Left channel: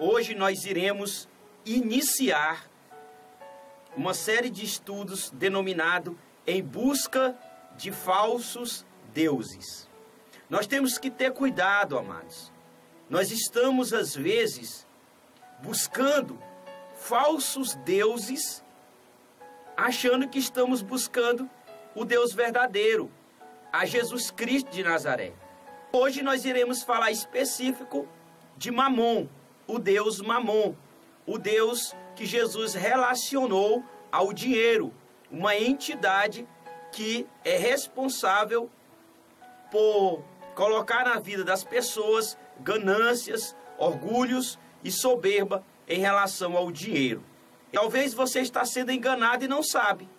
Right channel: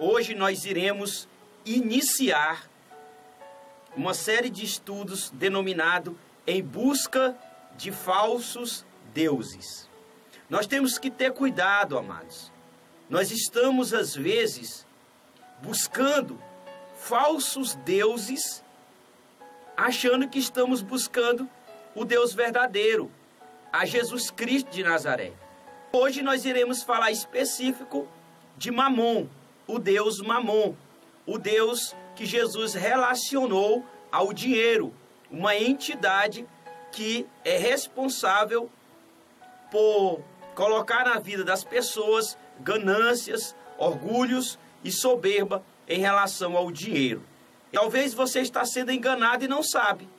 Hoje nós iremos iniciar uma série de estudos denominado Em Busca de Falsos Deuses. Nós temos que ter cuidado, amados. Nós estamos, às vezes, buscando falsos deuses, achando que estamos buscando o Deus verdadeiro, a Jesus Cristo de Nazaré. Hoje nós iremos falar específico de Mamon, o Deus Mamon, o Deus que Jesus relacionou ao dinheiro, uma entidade que é responsável por colocar na vida das pessoas ganâncias, orgulhos e soberba em relação ao dinheiro. Talvez você está sendo enganado e não sabe.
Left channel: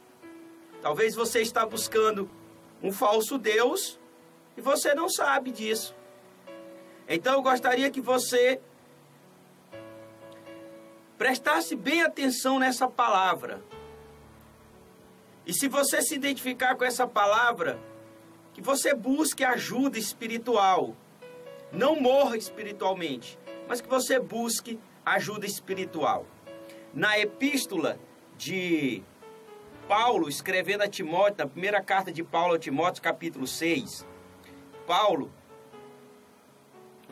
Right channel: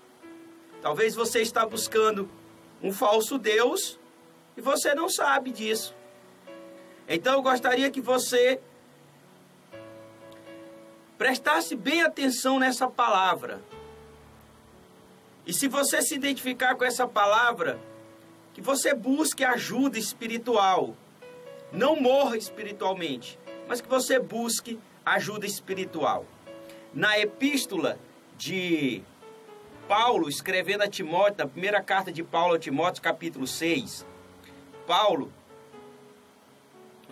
Talvez você está buscando um falso Deus e você não sabe disso. Então eu gostaria que você prestasse bem atenção nessa palavra. E se você se identificar com essa palavra, que você busque ajuda espiritual. Não morra espiritualmente, mas que você busque ajuda espiritual. Na epístola de Paulo, escrevendo a Timóteo, na primeira carta de Paulo a Timóteo, capítulo 6, Paulo,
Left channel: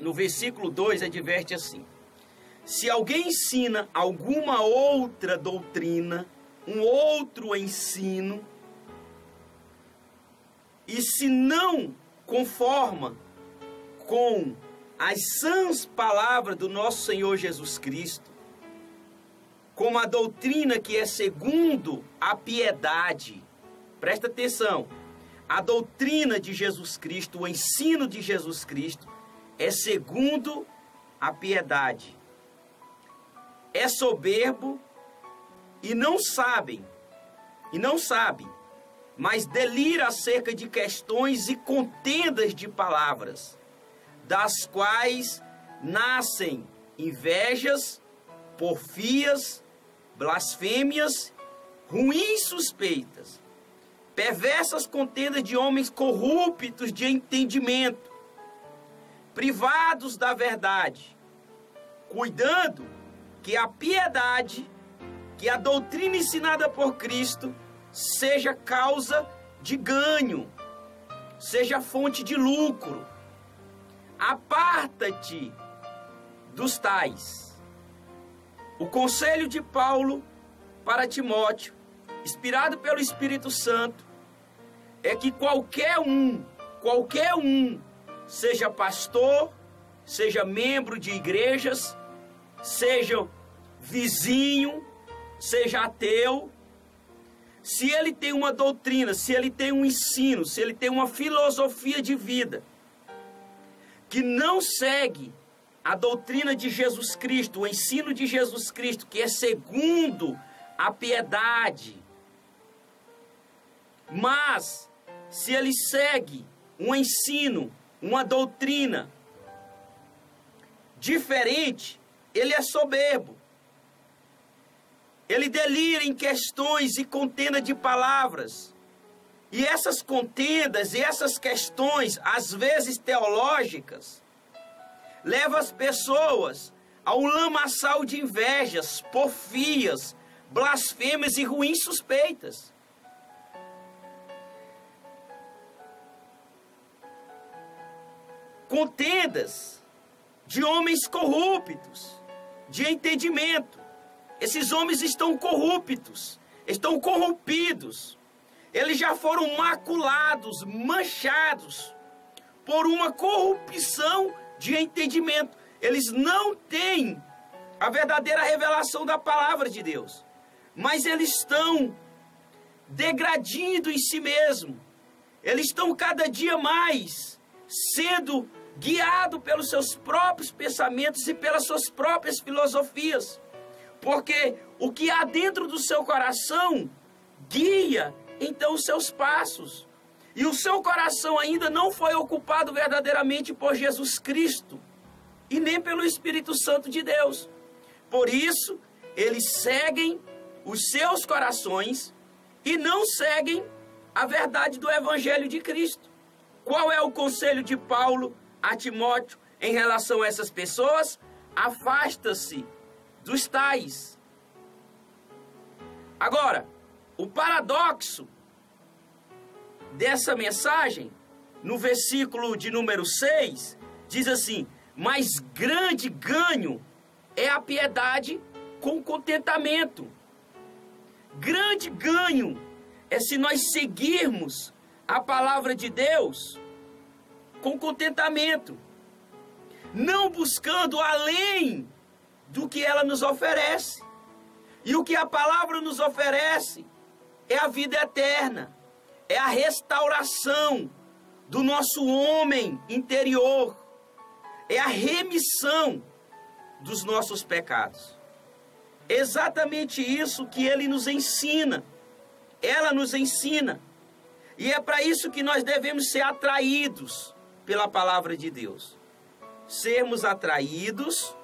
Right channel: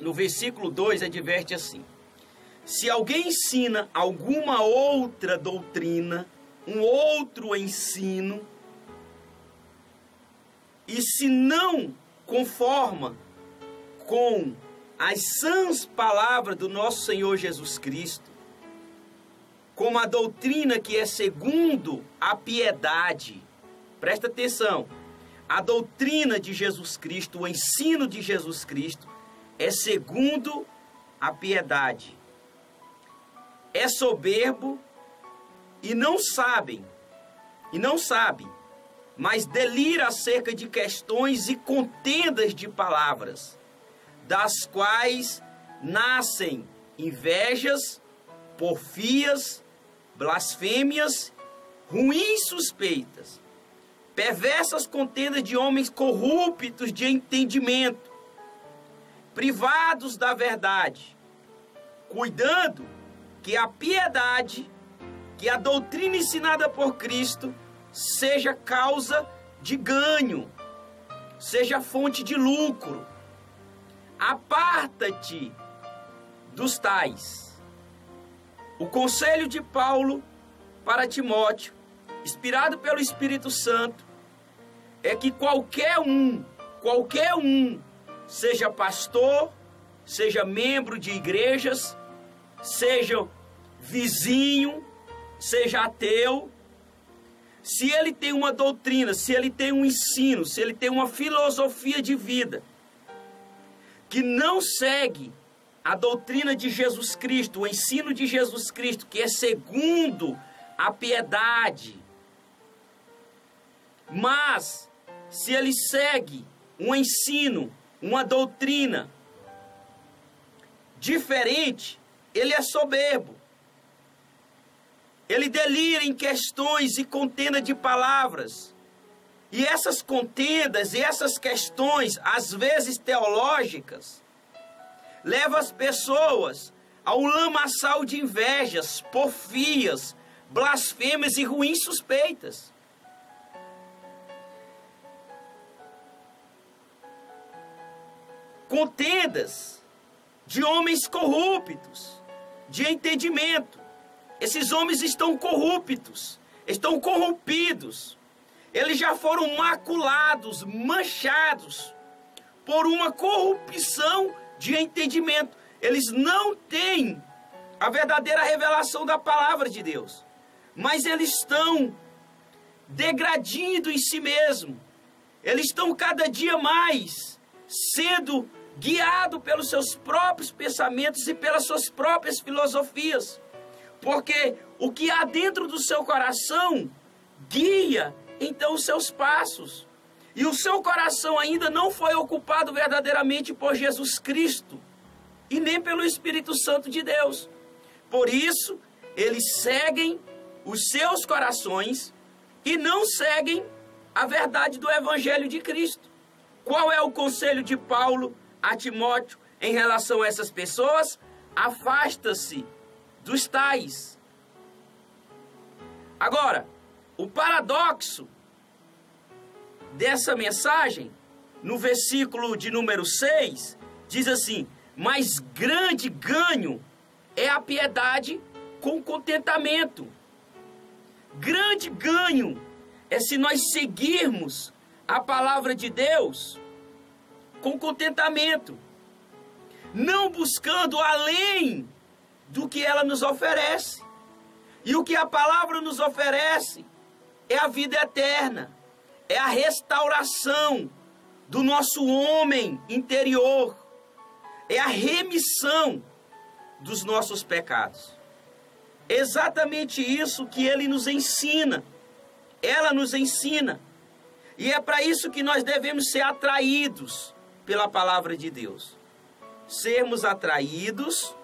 no versículo 2, adverte assim: se alguém ensina alguma outra doutrina, um outro ensino, e se não conforma com as sãs palavras do nosso Senhor Jesus Cristo, como a doutrina que é segundo a piedade, presta atenção, a doutrina de Jesus Cristo, o ensino de Jesus Cristo, é segundo a piedade, é soberbo e não sabe, mas delira acerca de questões e contendas de palavras, das quais nascem invejas, porfias, blasfêmias, ruins suspeitas, perversas contendas de homens corruptos de entendimento, privados da verdade, cuidando que a piedade, que a doutrina ensinada por Cristo, seja causa de ganho, seja fonte de lucro. Aparta-te dos tais. O conselho de Paulo para Timóteo, inspirado pelo Espírito Santo, é que qualquer um, seja pastor, seja membro de igrejas, seja vizinho, seja ateu, se ele tem uma doutrina, se ele tem um ensino, se ele tem uma filosofia de vida que não segue a doutrina de Jesus Cristo, o ensino de Jesus Cristo, que é segundo a piedade, mas se ele segue um ensino, uma doutrina diferente, ele é soberbo. Ele delira em questões e contenda de palavras. E essas contendas e essas questões, às vezes teológicas, levam as pessoas a um lamaçal de invejas, porfias, blasfêmias e ruins suspeitas. Contendas de homens corruptos, de entendimento. Esses homens estão corruptos, estão corrompidos. Eles já foram maculados, manchados por uma corrupção de entendimento. Eles não têm a verdadeira revelação da palavra de Deus, mas eles estão degradando em si mesmo. Eles estão cada dia mais sendo guiados pelos seus próprios pensamentos e pelas suas próprias filosofias. Porque o que há dentro do seu coração guia então os seus passos. E o seu coração ainda não foi ocupado verdadeiramente por Jesus Cristo e nem pelo Espírito Santo de Deus. Por isso, eles seguem os seus corações e não seguem a verdade do Evangelho de Cristo. Qual é o conselho de Paulo a Timóteo em relação a essas pessoas? afasta-se dos tais. Agora, o paradoxo dessa mensagem, no versículo de número 6, diz assim: mas grande ganho é a piedade com contentamento. Grande ganho é se nós seguirmos a palavra de Deus com contentamento, não buscando além do que ela nos oferece. E o que a palavra nos oferece é a vida eterna, é a restauração do nosso homem interior, é a remissão dos nossos pecados. Exatamente isso que ele nos ensina, ela nos ensina. E é para isso que nós devemos ser atraídos pela palavra de Deus. Sermos atraídos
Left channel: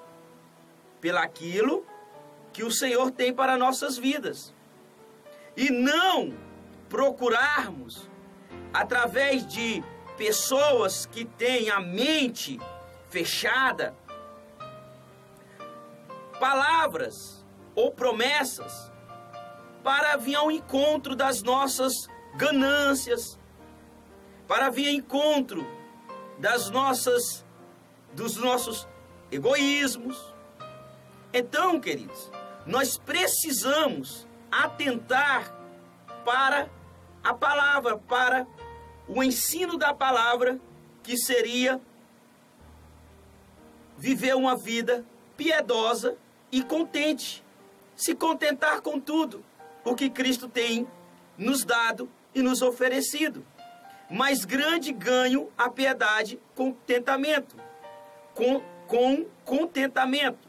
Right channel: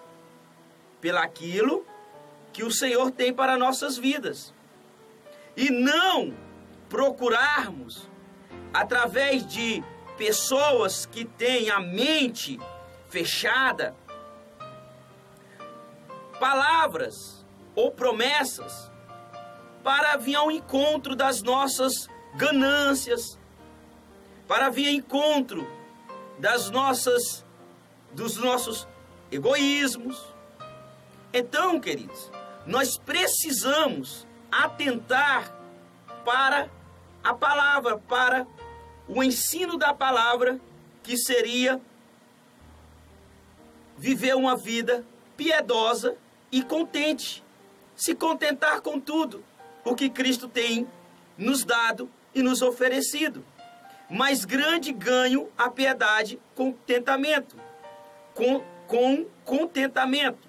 pelaquilo que o Senhor tem para nossas vidas. E não procurarmos, através de pessoas que têm a mente fechada, palavras ou promessas para vir ao encontro das nossas ganâncias, para vir ao encontro dos nossos egoísmos. Então, queridos, nós precisamos atentar para a palavra, para o ensino da palavra, que seria viver uma vida piedosa e contente, se contentar com tudo o que Cristo tem nos dado e nos oferecido. Mas grande ganho a piedade com contentamento, com contentamento,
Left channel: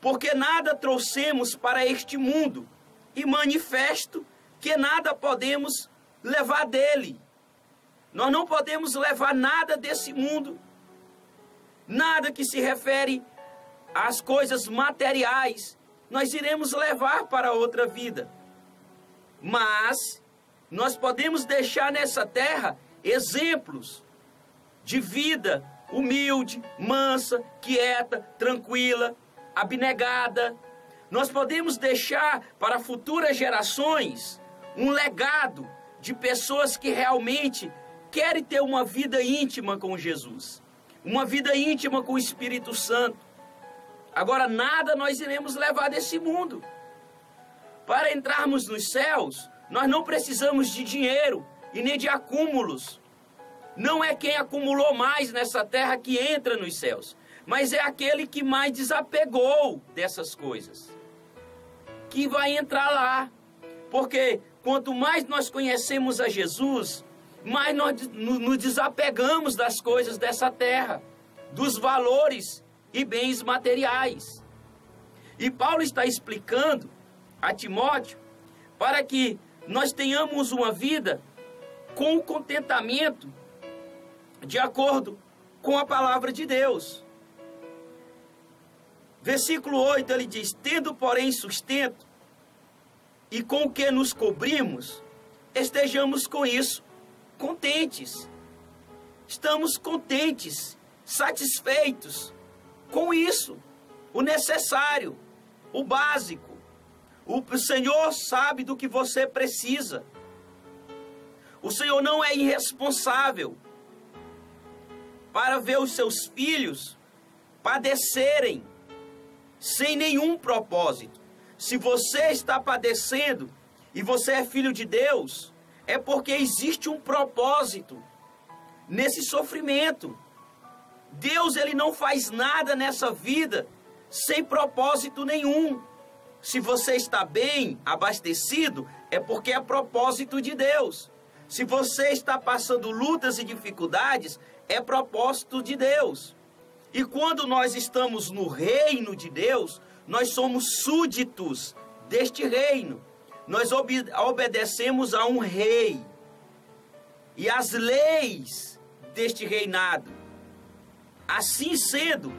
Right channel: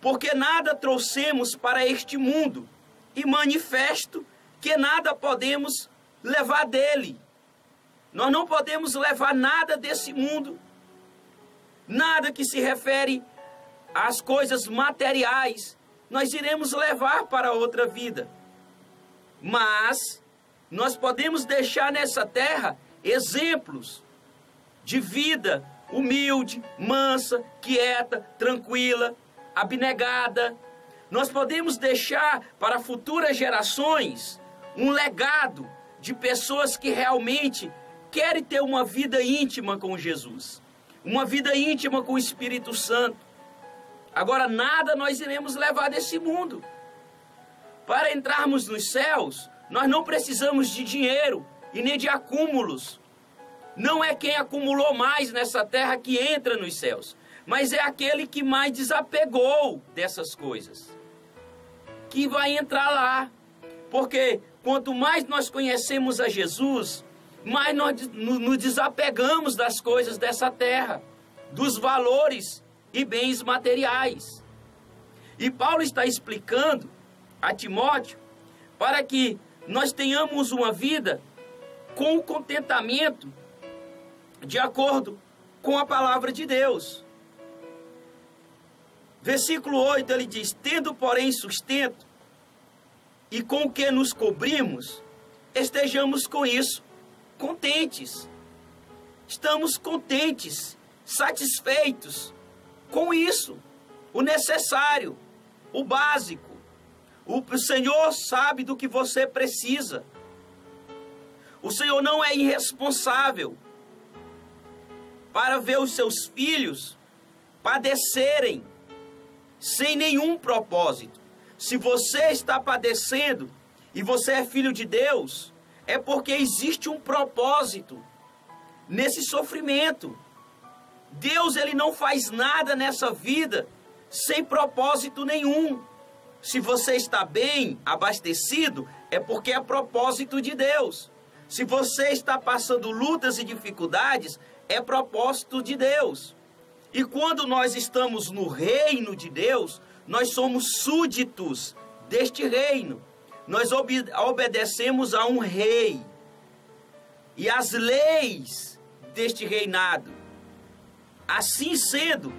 porque nada trouxemos para este mundo, e manifesto que nada podemos levar dele. Nós não podemos levar nada desse mundo, nada que se refere às coisas materiais, nós iremos levar para outra vida. Mas nós podemos deixar nessa terra exemplos de vida humilde, mansa, quieta, tranquila, abnegada. Nós podemos deixar para futuras gerações um legado de pessoas que realmente querem ter uma vida íntima com Jesus, uma vida íntima com o Espírito Santo. Agora, nada nós iremos levar desse mundo. Para entrarmos nos céus, nós não precisamos de dinheiro e nem de acúmulos. Não é quem acumulou mais nessa terra que entra nos céus, mas é aquele que mais desapegou dessas coisas, que vai entrar lá. Porque quanto mais nós conhecemos a Jesus, mais nós nos desapegamos das coisas dessa terra, dos valores e bens materiais. E Paulo está explicando a Timóteo para que nós tenhamos uma vida com contentamento, de acordo com a palavra de Deus. Versículo 8, ele diz: tendo, porém, sustento, e com o que nos cobrimos, estejamos com isso contentes. Estamos contentes, satisfeitos com isso, o necessário, o básico. O Senhor sabe do que você precisa. O Senhor não é irresponsável para ver os seus filhos padecerem sem nenhum propósito. Se você está padecendo e você é filho de Deus, é porque existe um propósito nesse sofrimento. Deus, ele não faz nada nessa vida sem propósito nenhum. Se você está bem, abastecido, é porque é propósito de Deus. Se você está passando lutas e dificuldades, é propósito de Deus. E quando nós estamos no reino de Deus, nós somos súditos deste reino. Nós obedecemos a um rei e às leis deste reinado. Assim sendo,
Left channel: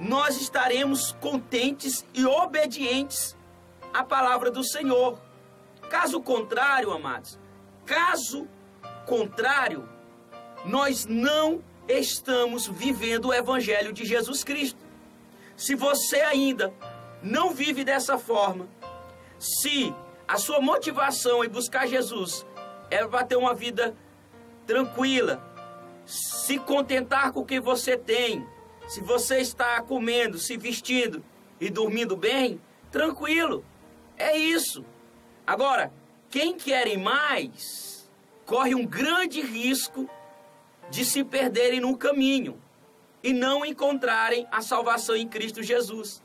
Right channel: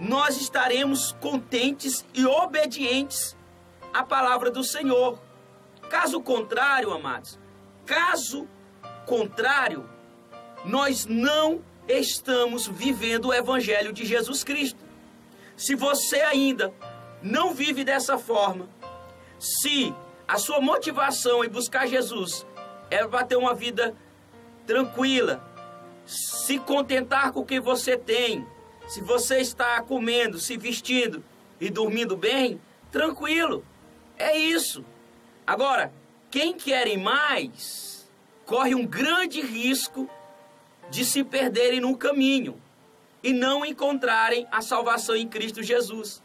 nós estaremos contentes e obedientes à palavra do Senhor. Caso contrário, amados, caso contrário, nós não estamos vivendo o Evangelho de Jesus Cristo. Se você ainda não vive dessa forma, se a sua motivação em buscar Jesus é para ter uma vida tranquila, se contentar com o que você tem, se você está comendo, se vestindo e dormindo bem, tranquilo, é isso. Agora, quem quer mais, corre um grande risco de se perderem no caminho e não encontrarem a salvação em Cristo Jesus.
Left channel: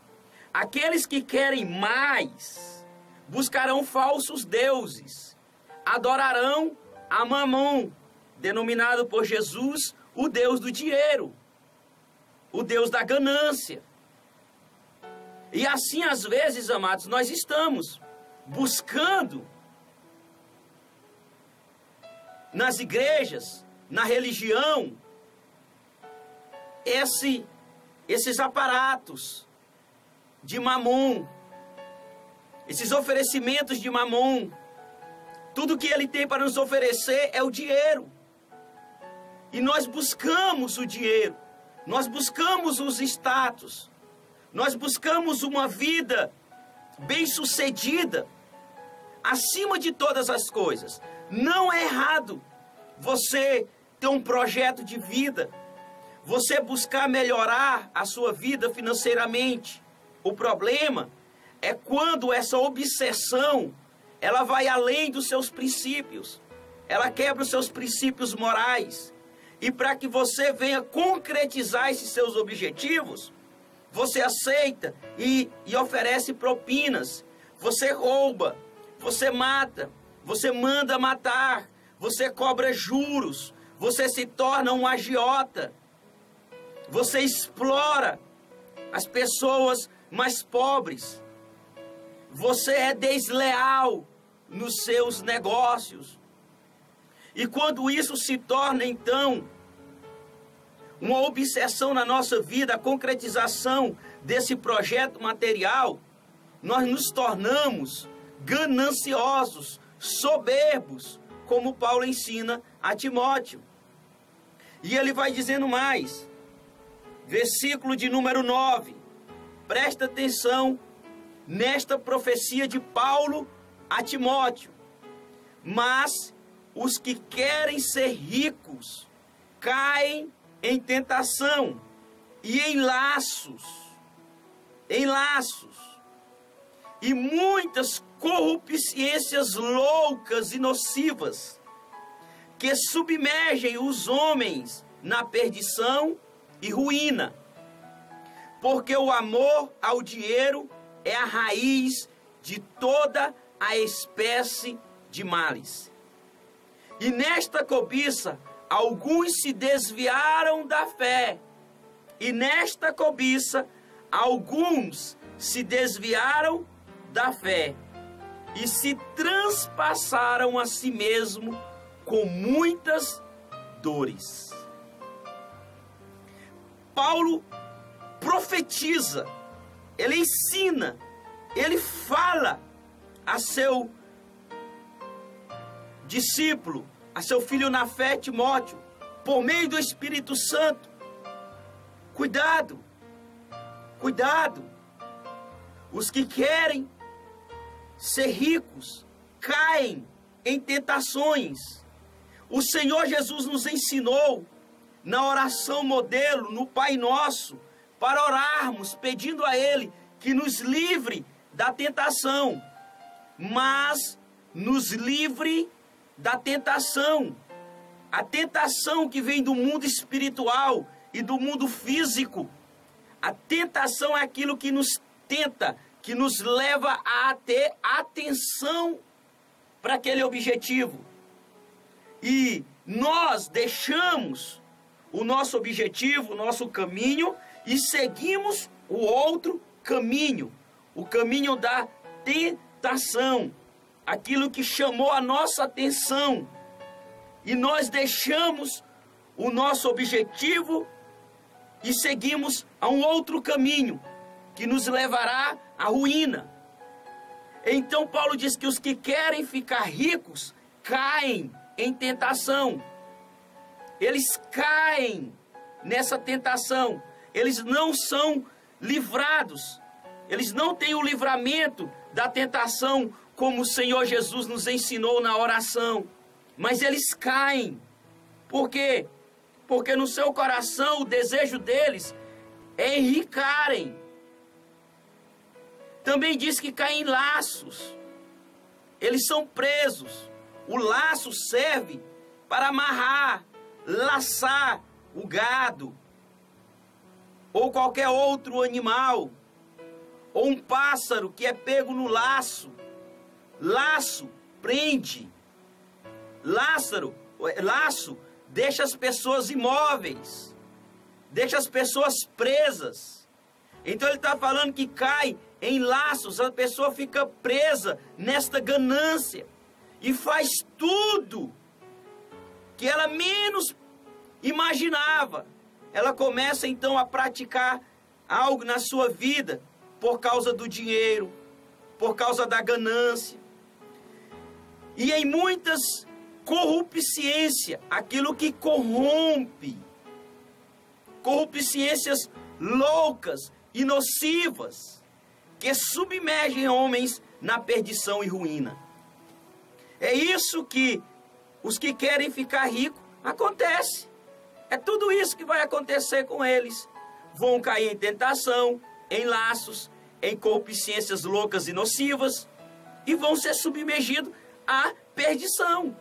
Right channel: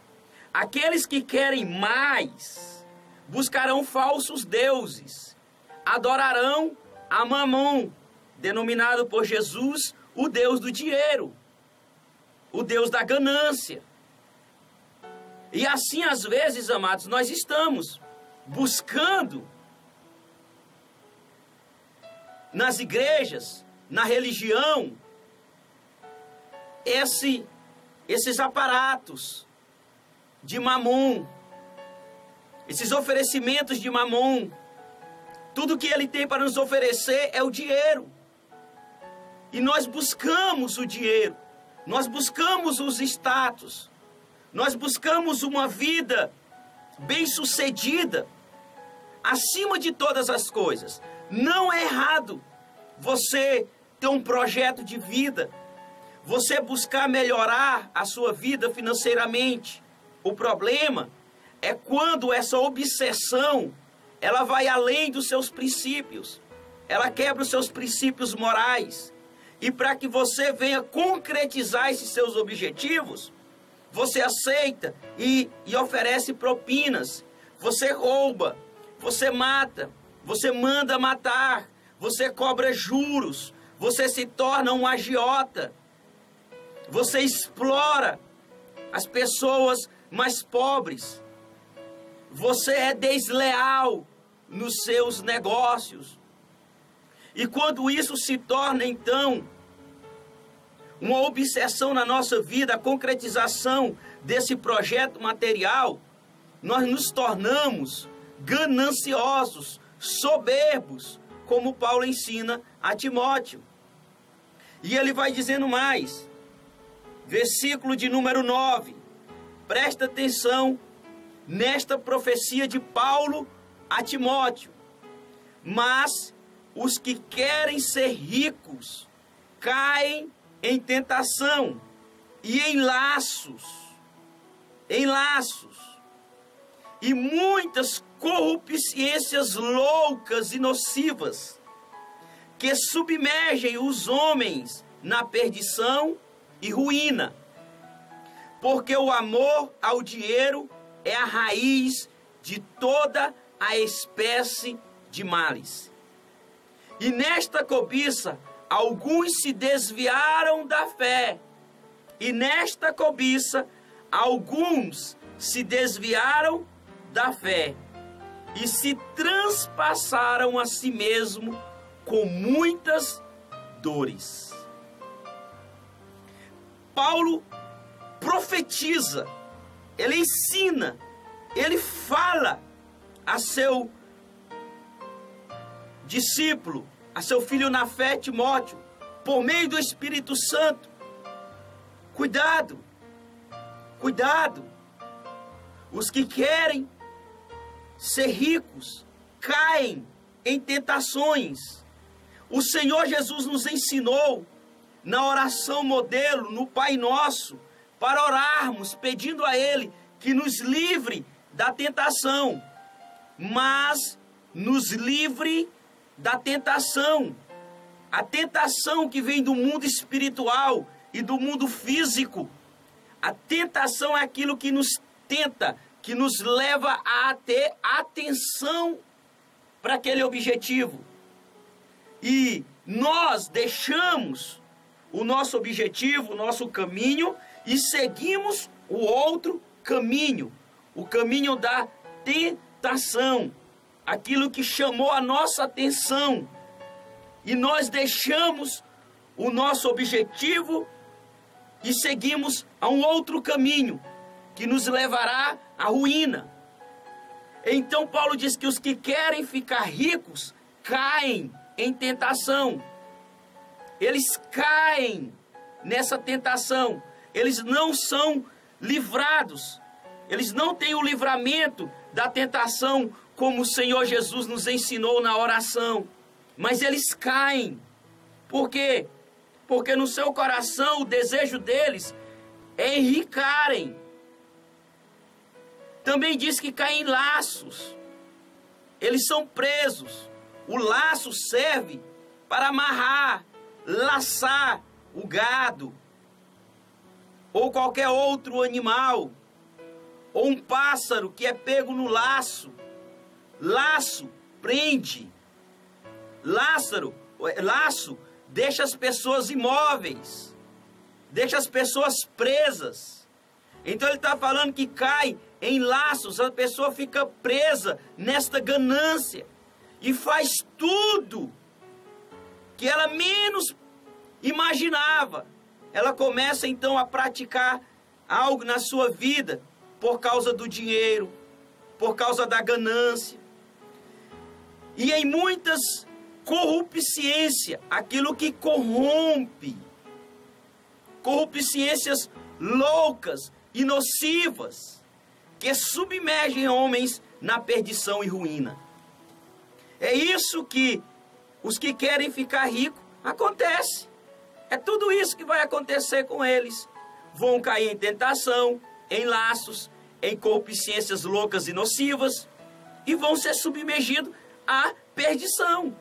Aqueles que querem mais, buscarão falsos deuses, adorarão a Mamon, denominado por Jesus o Deus do dinheiro, o Deus da ganância. E assim, às vezes, amados, nós estamos buscando nas igrejas, na religião, esses aparatos de Mamon, esses oferecimentos de Mamon. Tudo que ele tem para nos oferecer é o dinheiro. E nós buscamos o dinheiro, nós buscamos os status, nós buscamos uma vida bem-sucedida, acima de todas as coisas. Não é errado você ter um projeto de vida, você buscar melhorar a sua vida financeiramente. O problema é quando essa obsessão, ela vai além dos seus princípios, ela quebra os seus princípios morais. E para que você venha concretizar esses seus objetivos, você aceita e oferece propinas, você rouba, você mata, você manda matar, você cobra juros, você se torna um agiota, você explora as pessoas mais pobres, você é desleal nos seus negócios. E quando isso se torna, então, uma obsessão na nossa vida, a concretização desse projeto material, nós nos tornamos gananciosos, soberbos, como Paulo ensina a Timóteo. E ele vai dizendo mais, versículo de número 9, presta atenção nesta profecia de Paulo a Timóteo. Mas os que querem ser ricos caem em tentação e em laços, e muitas corrupções loucas e nocivas, que submergem os homens na perdição e ruína, porque o amor ao dinheiro é a raiz de toda a espécie de males. E nesta cobiça, alguns se desviaram da fé. E nesta cobiça, alguns se desviaram da fé e se transpassaram a si mesmo com muitas dores. Paulo profetiza, ele ensina, ele fala a seu discípulo, a seu filho na fé, Timóteo, por meio do Espírito Santo. Cuidado, cuidado. Os que querem ser ricos caem em tentações. O Senhor Jesus nos ensinou na oração modelo, no Pai Nosso, para orarmos pedindo a Ele que nos livre da tentação, mas nos livre da tentação. A tentação que vem do mundo espiritual e do mundo físico. A tentação é aquilo que nos tenta, que nos leva a ter atenção para aquele objetivo. E nós deixamos o nosso objetivo, o nosso caminho, e seguimos o outro caminho, o caminho da tentação, aquilo que chamou a nossa atenção. E nós deixamos o nosso objetivo e seguimos a um outro caminho, que nos levará à ruína. Então Paulo diz que os que querem ficar ricos caem em tentação. Eles caem nessa tentação. Eles não são livrados. Eles não têm o livramento da tentação como o Senhor Jesus nos ensinou na oração. Mas eles caem. Por quê? Porque no seu coração o desejo deles é enricarem. Também diz que caem em laços. Eles são presos. O laço serve para amarrar, laçar o gado, ou qualquer outro animal, ou um pássaro que é pego no laço. Laço prende. Laço deixa as pessoas imóveis, deixa as pessoas presas. Então ele está falando que cai em laços, a pessoa fica presa nesta ganância e faz tudo que ela menos imaginava. Ela começa então a praticar algo na sua vida por causa do dinheiro, por causa da ganância. E em muitas corrupciência, aquilo que corrompe, corrupciências loucas e nocivas, que submergem homens na perdição e ruína. É isso que os que querem ficar ricos acontece. É tudo isso que vai acontecer com eles. Vão cair em tentação, em laços, em corrupciências loucas e nocivas, e vão ser submergidos à perdição.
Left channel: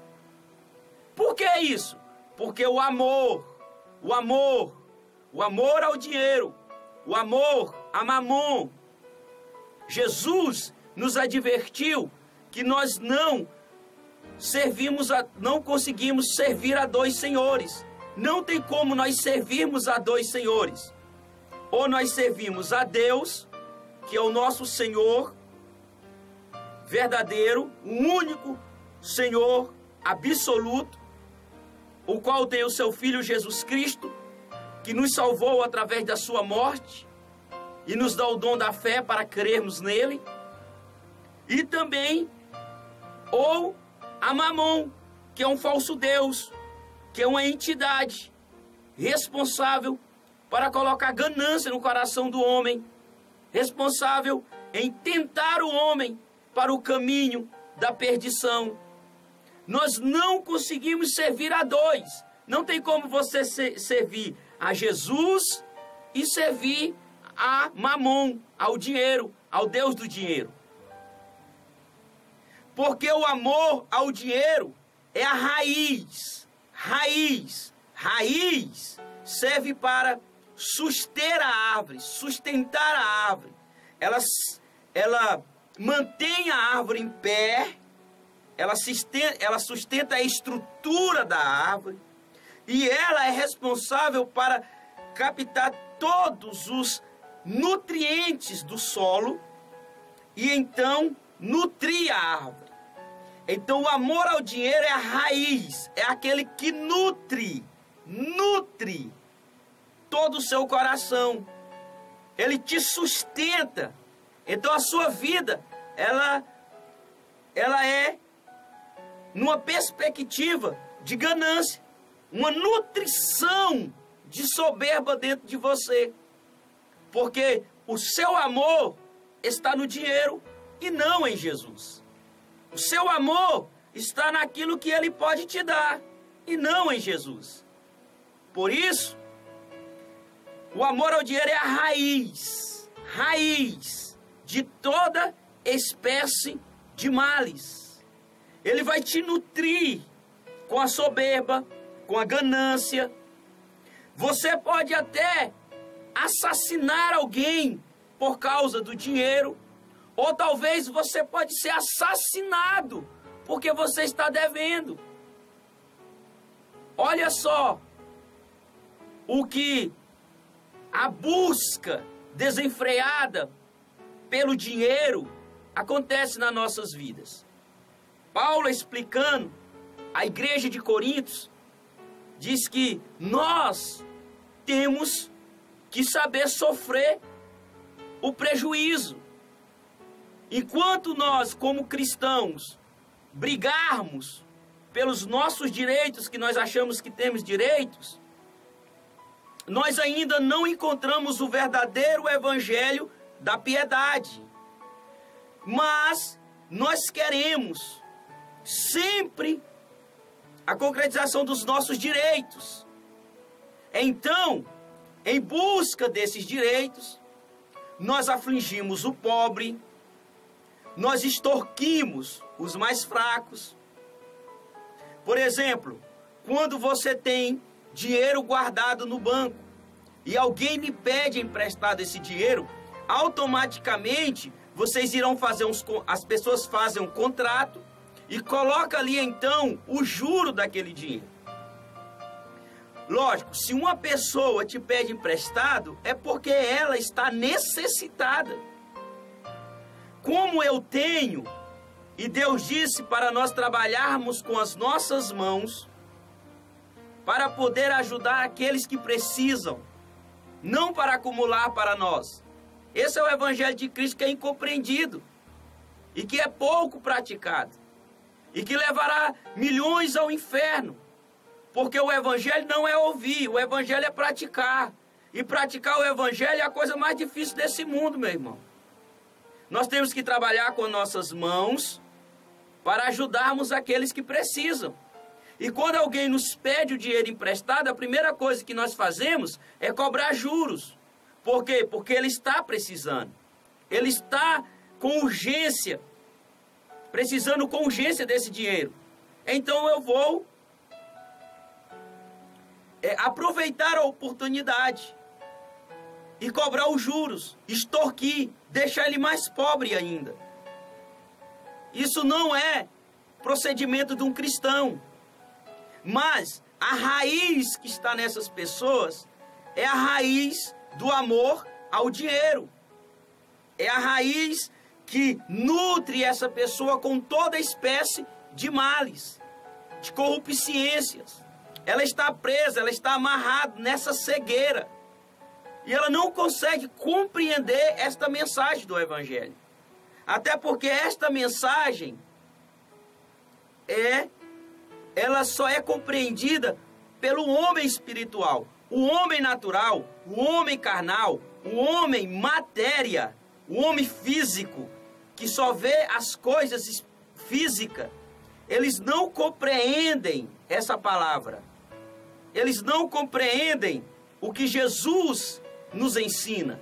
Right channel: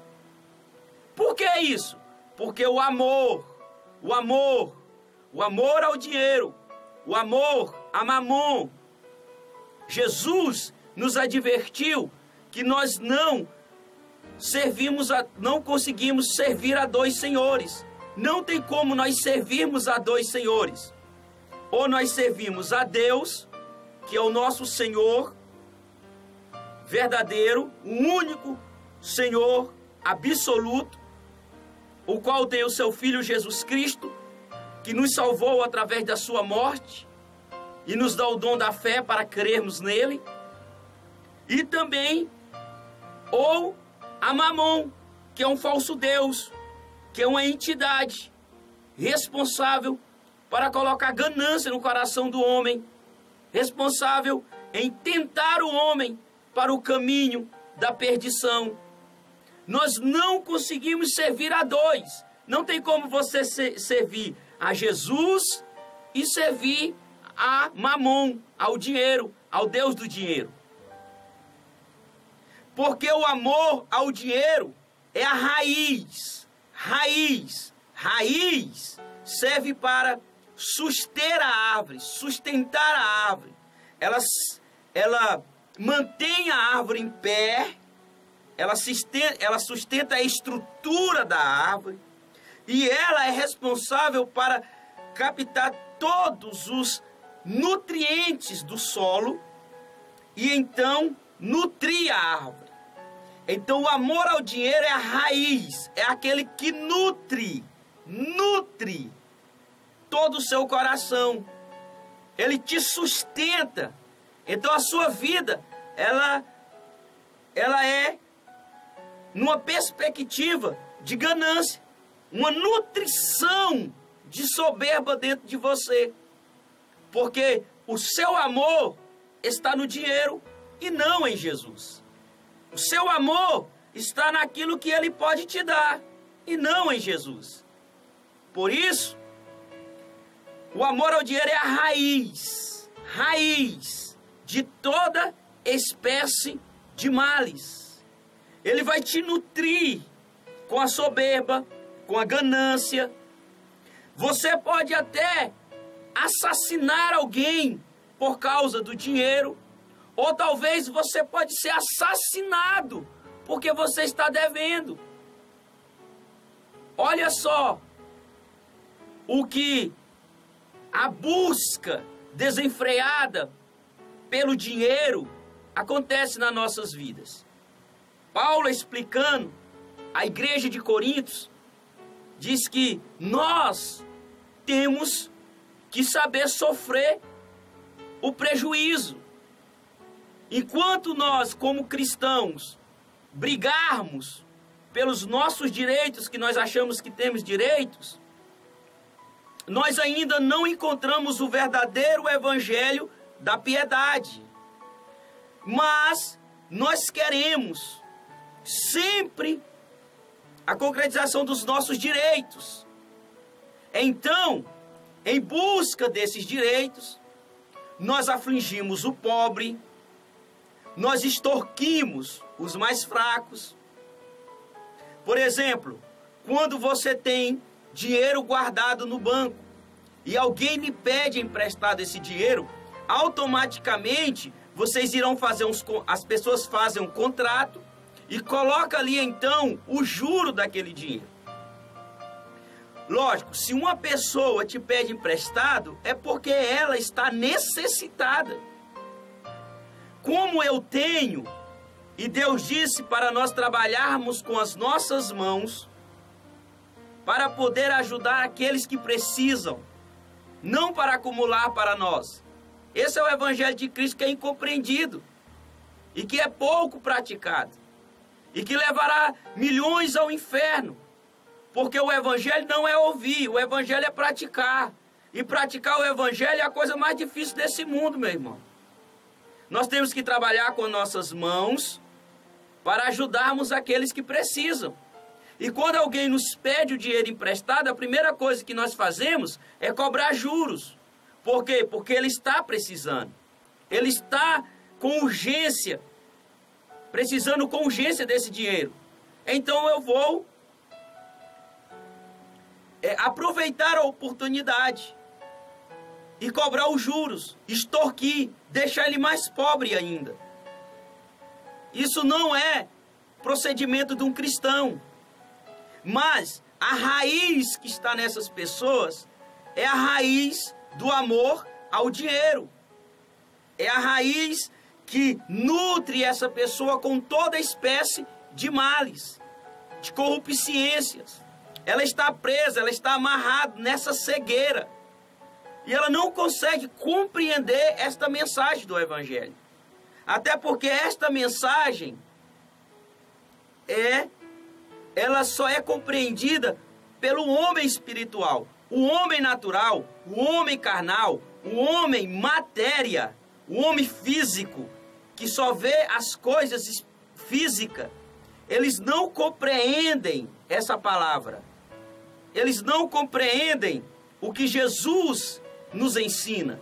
Por que isso? Porque o amor ao dinheiro, o amor a mamon. Jesus nos advertiu que nós não conseguimos servir a dois senhores. Não tem como nós servirmos a dois senhores. Ou nós servimos a Deus, que é o nosso Senhor verdadeiro, o único Senhor absoluto, o qual tem o seu Filho Jesus Cristo, que nos salvou através da sua morte e nos dá o dom da fé para crermos nele. E também, ou a Mamon, que é um falso Deus, que é uma entidade responsável para colocar ganância no coração do homem, responsável em tentar o homem para o caminho da perdição. Nós não conseguimos servir a dois. Não tem como você servir a Jesus e servir a Mamon, ao dinheiro, ao Deus do dinheiro. Porque o amor ao dinheiro é a raiz. Raiz serve para sustentar a árvore. Ela mantém a árvore em pé, ela sustenta a estrutura da árvore, e ela é responsável para captar todos os nutrientes do solo e então nutrir a árvore. Então o amor ao dinheiro é a raiz, é aquele que nutre todo o seu coração. Ele te sustenta. Então a sua vida, ela é numa perspectiva de ganância, uma nutrição de soberba dentro de você. Porque o seu amor está no dinheiro e não em Jesus. O seu amor está naquilo que Ele pode te dar e não em Jesus. Por isso, o amor ao dinheiro é a raiz de toda espécie de males. Ele vai te nutrir com a soberba, com a ganância. Você pode até assassinar alguém por causa do dinheiro, ou talvez você pode ser assassinado porque você está devendo. Olha só o que a busca desenfreada pelo dinheiro acontece nas nossas vidas. Paulo, explicando a igreja de Corinto, diz que nós temos que saber sofrer o prejuízo. Enquanto nós, como cristãos, brigarmos pelos nossos direitos, que nós achamos que temos direitos, nós ainda não encontramos o verdadeiro evangelho da piedade. Mas nós queremos sempre a concretização dos nossos direitos. Então, em busca desses direitos, nós afligimos o pobre, nós extorquimos os mais fracos. Por exemplo, quando você tem dinheiro guardado no banco e alguém lhe pede emprestado esse dinheiro, automaticamente vocês irão fazer as pessoas fazem um contrato e coloca ali então o juro daquele dinheiro. Lógico, se uma pessoa te pede emprestado, é porque ela está necessitada. Como eu tenho, e Deus disse para nós trabalharmos com as nossas mãos, para poder ajudar aqueles que precisam, não para acumular para nós. Esse é o evangelho de Cristo que é incompreendido e que é pouco praticado e que levará milhões ao inferno. Porque o evangelho não é ouvir, o evangelho é praticar. E praticar o evangelho é a coisa mais difícil desse mundo, meu irmão. Nós temos que trabalhar com nossas mãos para ajudarmos aqueles que precisam. E quando alguém nos pede o dinheiro emprestado, a primeira coisa que nós fazemos é cobrar juros. Por quê? Porque ele está precisando. Ele está com urgência, precisando com urgência desse dinheiro. Então eu vou aproveitar a oportunidade e cobrar os juros, extorquir, deixar ele mais pobre ainda. Isso não é procedimento de um cristão. Mas a raiz que está nessas pessoas é a raiz do amor ao dinheiro. É a raiz que nutre essa pessoa com toda espécie de males, de corrupciências. Ela está presa, ela está amarrada nessa cegueira. E ela não consegue compreender esta mensagem do Evangelho. Até porque esta mensagem ela só é compreendida pelo homem espiritual. O homem natural, o homem carnal, o homem matéria, o homem físico, que só vê as coisas físicas, eles não compreendem essa palavra. Eles não compreendem o que Jesus nos ensina.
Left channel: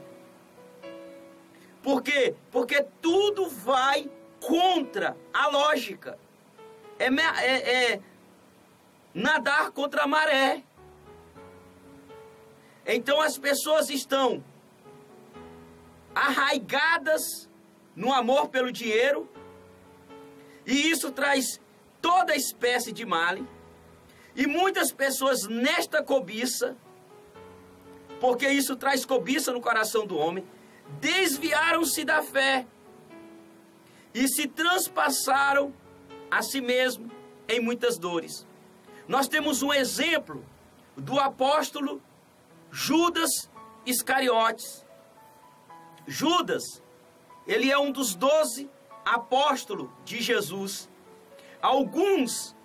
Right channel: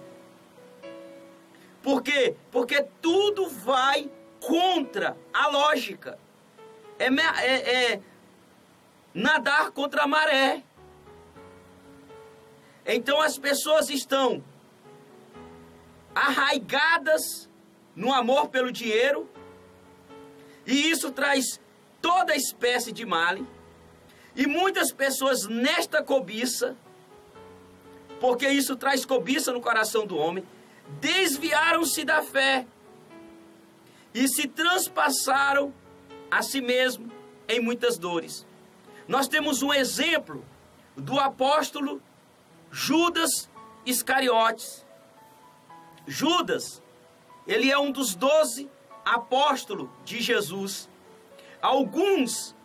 Por quê? Porque tudo vai contra a lógica. É nadar contra a maré. Então as pessoas estão arraigadas no amor pelo dinheiro, e isso traz toda espécie de mal. E muitas pessoas nesta cobiça, porque isso traz cobiça no coração do homem, desviaram-se da fé e se transpassaram a si mesmo em muitas dores. Nós temos um exemplo do apóstolo Judas Iscariotes. Judas, ele é um dos 12 apóstolos de Jesus. Alguns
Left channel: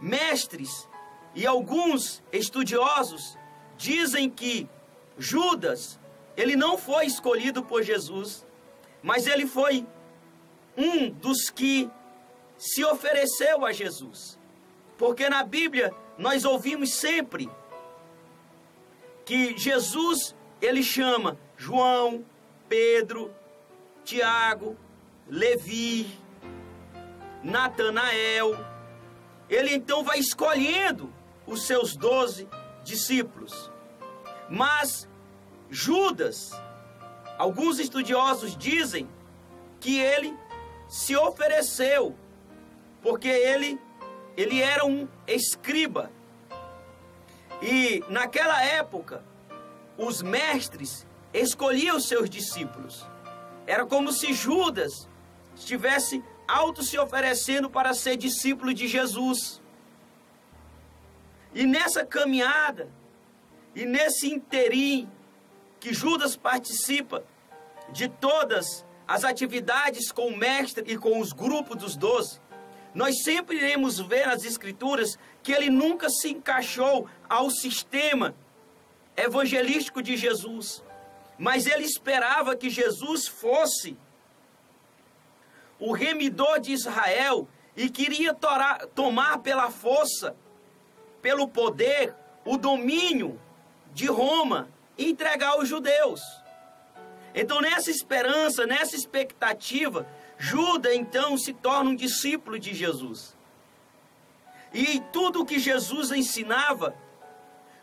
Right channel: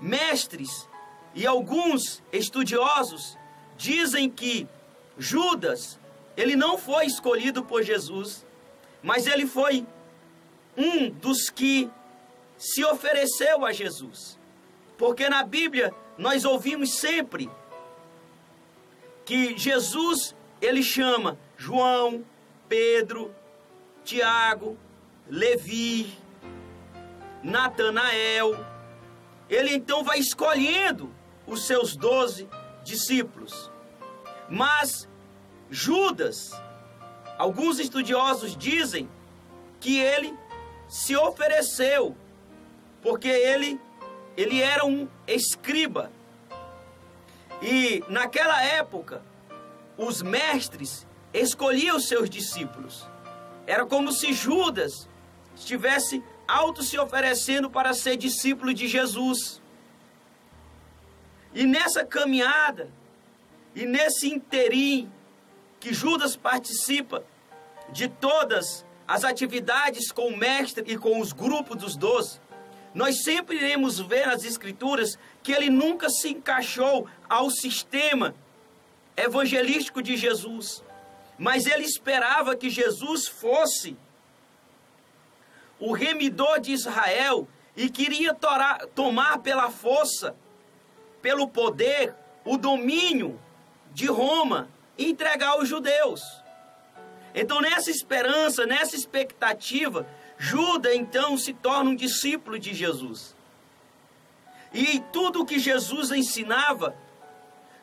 mestres e alguns estudiosos dizem que Judas, ele não foi escolhido por Jesus, mas ele foi um dos que se ofereceu a Jesus. Porque na Bíblia nós ouvimos sempre que Jesus, ele chama João, Pedro, Tiago, Levi, Natanael. Ele então vai escolhendo os seus 12 discípulos. Mas Judas, alguns estudiosos dizem que ele se ofereceu, porque ele era um escriba. E naquela época, os mestres escolhiam os seus discípulos. Era como se Judas estivesse se oferecendo para ser discípulo de Jesus. E nessa caminhada, e nesse interim que Judas participa de todas as atividades com o mestre e com os grupos dos 12, nós sempre iremos ver nas Escrituras que ele nunca se encaixou ao sistema evangelístico de Jesus, mas ele esperava que Jesus fosse o remidor de Israel e queria tomar pela força, pelo poder, o domínio de Roma e entregar aos judeus. Então, nessa esperança, nessa expectativa, Judas então se torna um discípulo de Jesus. E tudo o que Jesus ensinava,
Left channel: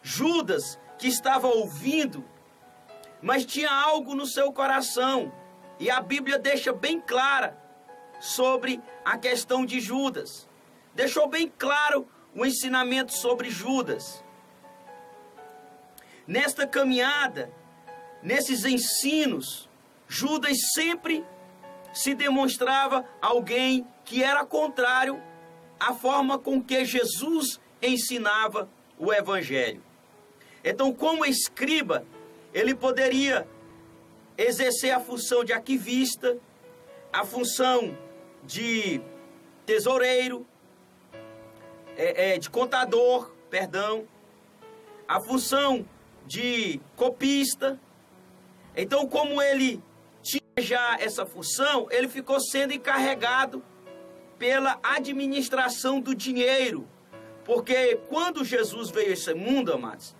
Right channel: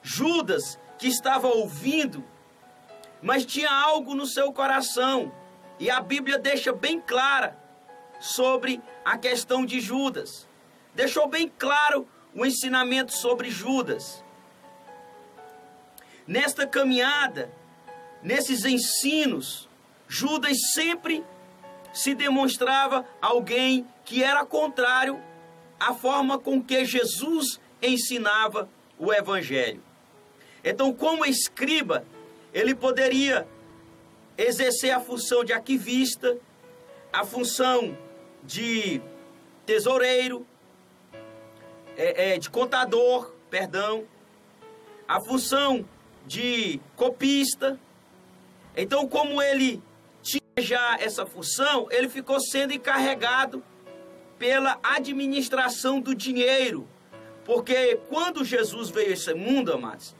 Judas, que estava ouvindo, mas tinha algo no seu coração. E a Bíblia deixa bem clara sobre a questão de Judas. Deixou bem claro o ensinamento sobre Judas. Nesta caminhada, nesses ensinos, Judas sempre se demonstrava alguém que era contrário à forma com que Jesus ensinava o Evangelho. Então, como escriba, ele poderia exercer a função de arquivista, a função de tesoureiro, de contador, a função de copista. Então, como ele tinha já essa função, ele ficou sendo encarregado pela administração do dinheiro. Porque quando Jesus veio a esse mundo, amados,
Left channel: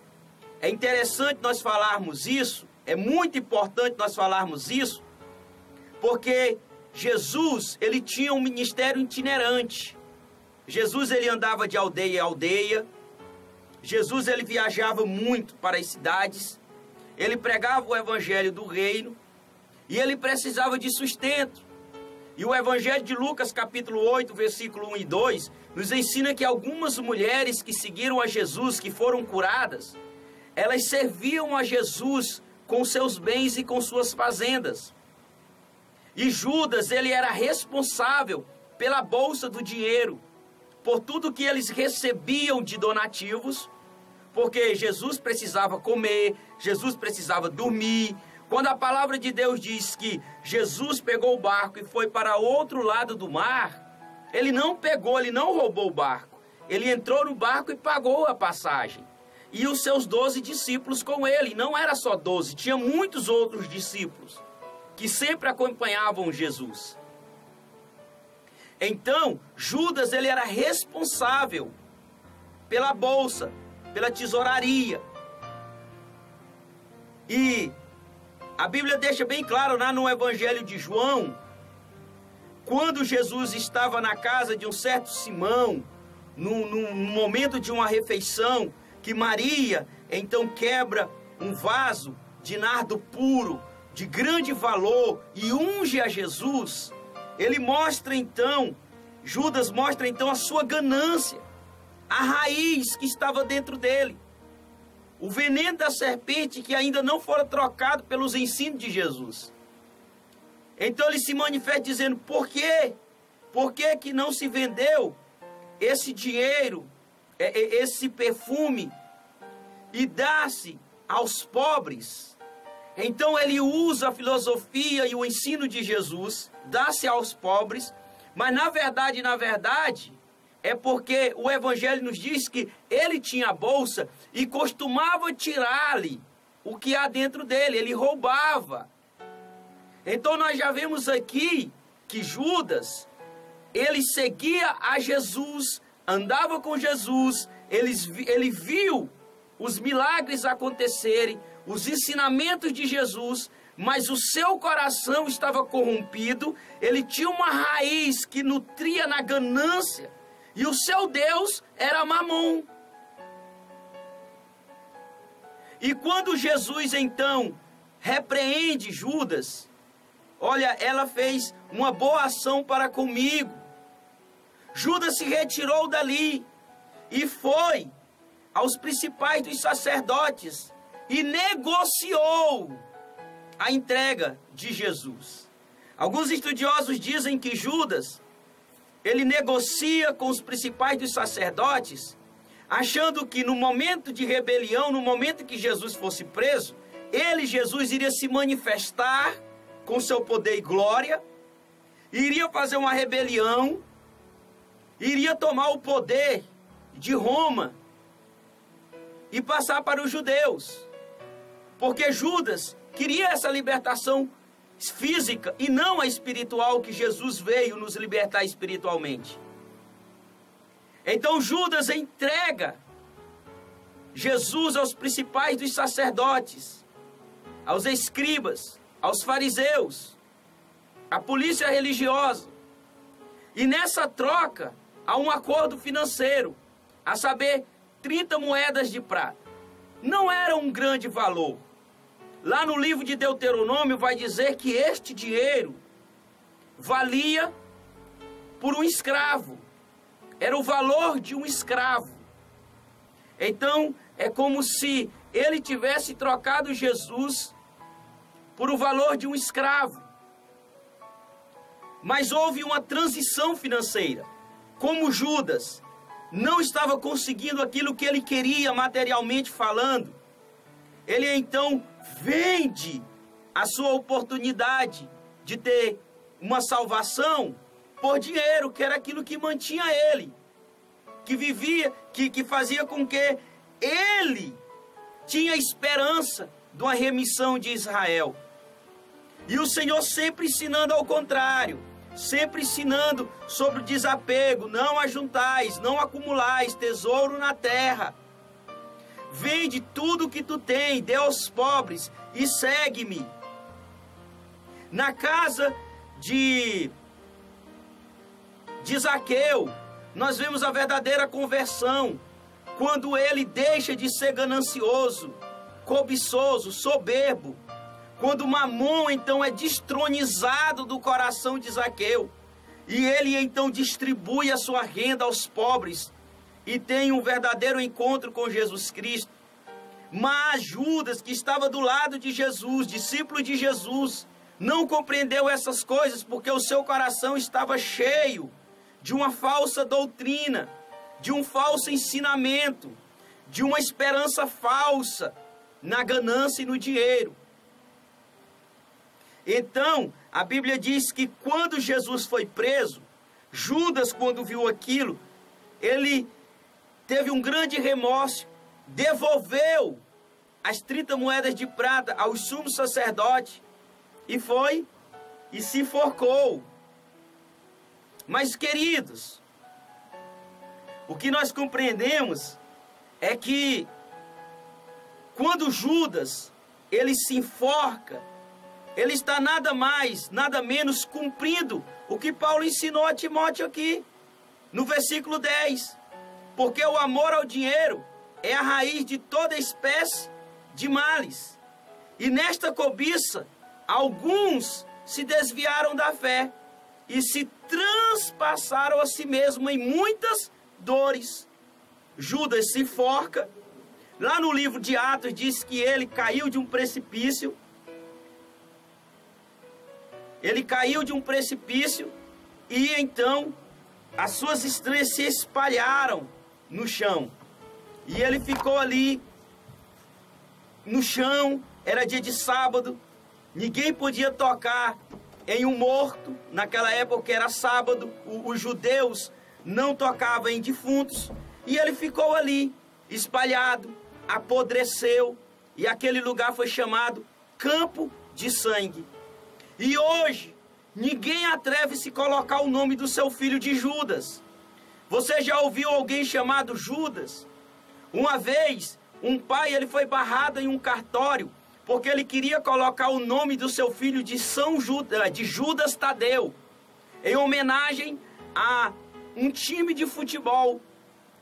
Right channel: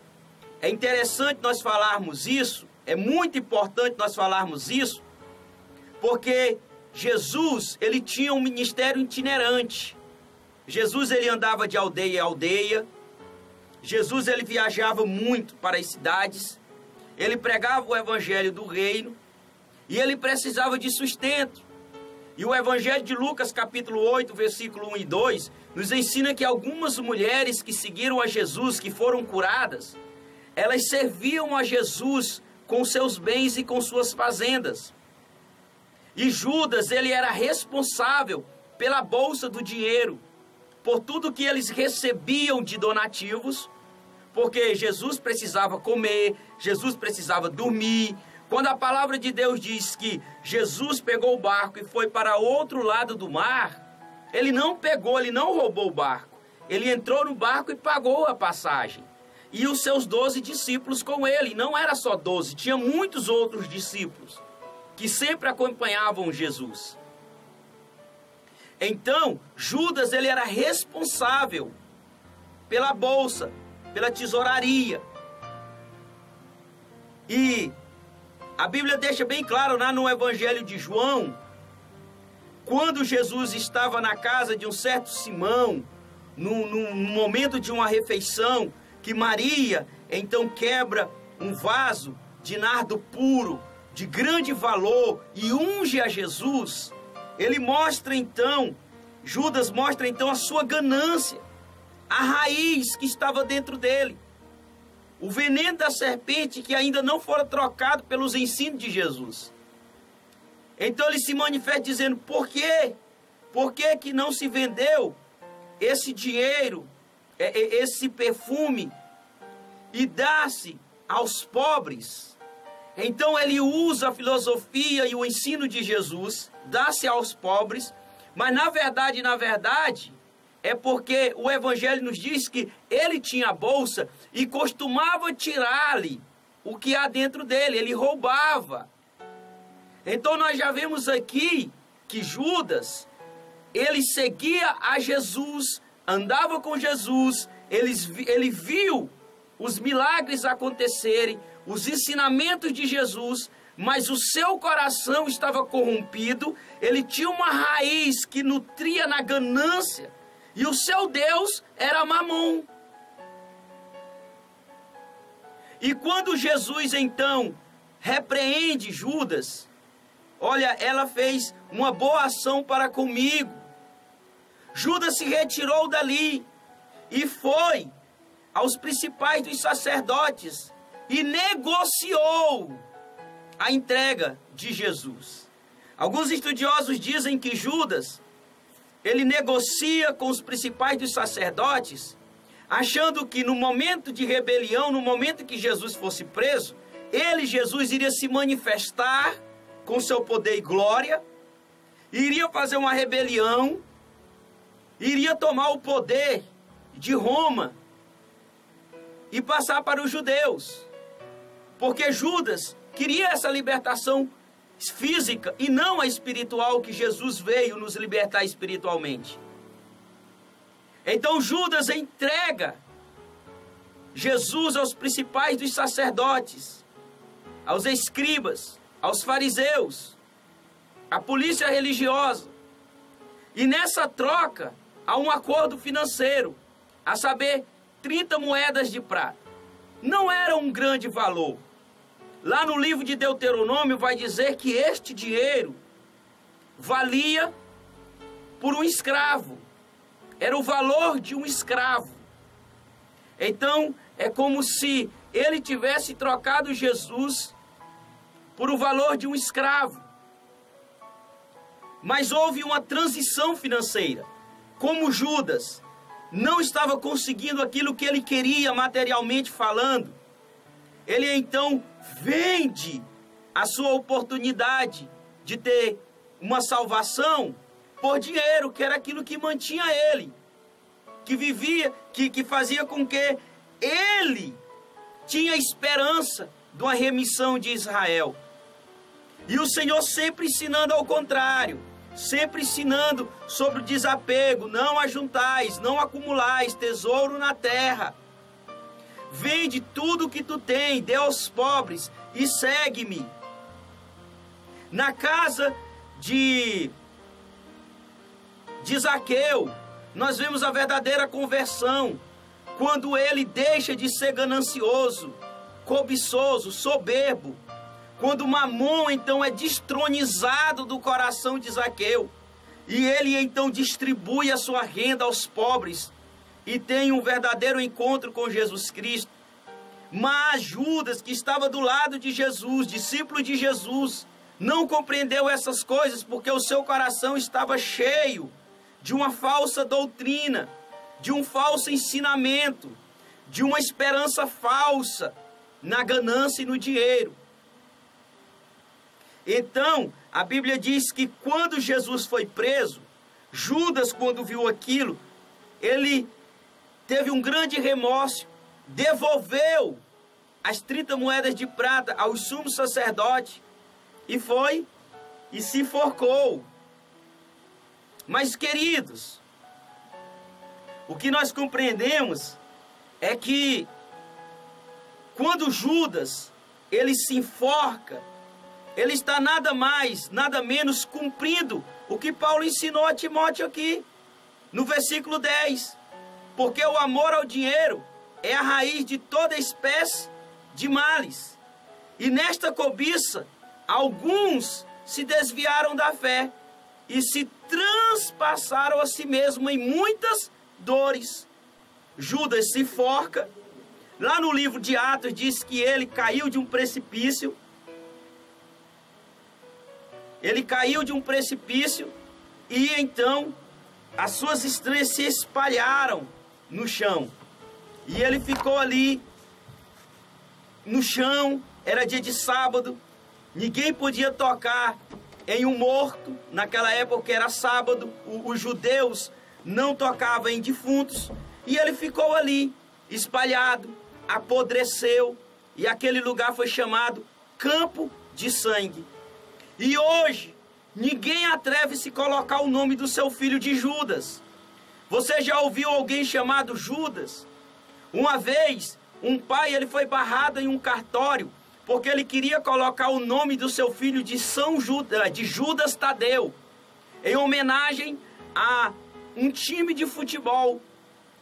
é interessante nós falarmos isso, é muito importante nós falarmos isso, porque Jesus, ele tinha um ministério itinerante. Jesus, ele andava de aldeia em aldeia. Jesus, ele viajava muito para as cidades. Ele pregava o evangelho do reino e ele precisava de sustento. E o evangelho de Lucas, capítulo 8, versículo 1 e 2, nos ensina que algumas mulheres que seguiram a Jesus, que foram curadas, elas serviam a Jesus com seus bens e com suas fazendas. E Judas, ele era responsável pela bolsa do dinheiro, por tudo que eles recebiam de donativos, porque Jesus precisava comer, Jesus precisava dormir. Quando a palavra de Deus diz que Jesus pegou o barco e foi para outro lado do mar, ele não pegou, ele não roubou o barco. Ele entrou no barco e pagou a passagem. E os seus 12 discípulos com ele. Não era só 12, tinha muitos outros discípulos que sempre acompanhavam Jesus. Então, Judas, ele era responsável pela bolsa, pela tesouraria. E a Bíblia deixa bem claro lá no Evangelho de João, quando Jesus estava na casa de um certo Simão, num momento de uma refeição, que Maria então quebra um vaso de nardo puro, de grande valor, e unge a Jesus. Ele mostra então, Judas mostra então a sua ganância, a raiz que estava dentro dele, o veneno da serpente que ainda não fora trocado pelos ensinos de Jesus. Então ele se manifesta dizendo: por quê? Por que que não se vendeu esse dinheiro, esse perfume, e dá-se aos pobres? Então ele usa a filosofia e o ensino de Jesus, dá-se aos pobres, mas na verdade, é porque o Evangelho nos diz que ele tinha a bolsa e costumava tirar-lhe o que há dentro dele, ele roubava. Então nós já vemos aqui que Judas, ele seguia a Jesus, andava com Jesus, ele viu os milagres acontecerem, os ensinamentos de Jesus, mas o seu coração estava corrompido, ele tinha uma raiz que nutria na ganância, e o seu Deus era Mamon. E quando Jesus então repreende Judas, olha, ela fez uma boa ação para comigo. Judas se retirou dali e foi aos principais dos sacerdotes e negociou a entrega de Jesus. Alguns estudiosos dizem que Judas, ele negocia com os principais dos sacerdotes, achando que no momento de rebelião, no momento que Jesus fosse preso, Jesus, iria se manifestar com seu poder e glória, iria fazer uma rebelião, iria tomar o poder de Roma e passar para os judeus. Porque Judas queria essa libertação física e não a espiritual, que Jesus veio nos libertar espiritualmente. Então Judas entrega Jesus aos principais dos sacerdotes, aos escribas, aos fariseus, à polícia religiosa. E nessa troca há um acordo financeiro, a saber, 30 moedas de prata. Não era um grande valor. Lá no livro de Deuteronômio vai dizer que este dinheiro valia por um escravo. Era o valor de um escravo. Então, é como se ele tivesse trocado Jesus por o valor de um escravo. Mas houve uma transição financeira. Como Judas não estava conseguindo aquilo que ele queria materialmente falando, ele então vende a sua oportunidade de ter uma salvação por dinheiro, que era aquilo que mantinha ele, que vivia, que fazia com que ele tinha esperança de uma remissão de Israel. E o Senhor sempre ensinando ao contrário, sempre ensinando sobre o desapego: não ajuntais, não acumulais tesouro na terra. Vende tudo o que tu tem, dê aos pobres e segue-me. Na casa de Zaqueu, nós vemos a verdadeira conversão, quando ele deixa de ser ganancioso, cobiçoso, soberbo, quando Mamon então é destronizado do coração de Zaqueu, e ele então distribui a sua renda aos pobres, e tem um verdadeiro encontro com Jesus Cristo. Mas Judas, que estava do lado de Jesus, discípulo de Jesus, não compreendeu essas coisas, porque o seu coração estava cheio de uma falsa doutrina, de um falso ensinamento, de uma esperança falsa na ganância e no dinheiro. Então, a Bíblia diz que quando Jesus foi preso, Judas, quando viu aquilo, ele teve um grande remorso, devolveu as 30 moedas de prata aos sumos sacerdotes e foi e se enforcou. Mas, queridos, o que nós compreendemos é que quando Judas ele se enforca, ele está nada mais, nada menos cumprindo o que Paulo ensinou a Timóteo aqui, no versículo 10. Porque o amor ao dinheiro é a raiz de toda espécie de males. E nesta cobiça, alguns se desviaram da fé e se transpassaram a si mesmo em muitas dores. Judas se enforca. Lá no livro de Atos diz que ele caiu de um precipício. Ele caiu de um precipício e então as suas estrelas se espalharam no chão. E ele ficou ali no chão. Era dia de sábado. Ninguém podia tocar em um morto. Naquela época era sábado. Os judeus não tocavam em defuntos. E ele ficou ali, espalhado, apodreceu. E aquele lugar foi chamado Campo de Sangue. E hoje, ninguém atreve-se a colocar o nome do seu filho de Judas. Você já ouviu alguém chamado Judas? Uma vez, um pai ele foi barrado em um cartório porque ele queria colocar o nome do seu filho de Judas Tadeu, em homenagem a um time de futebol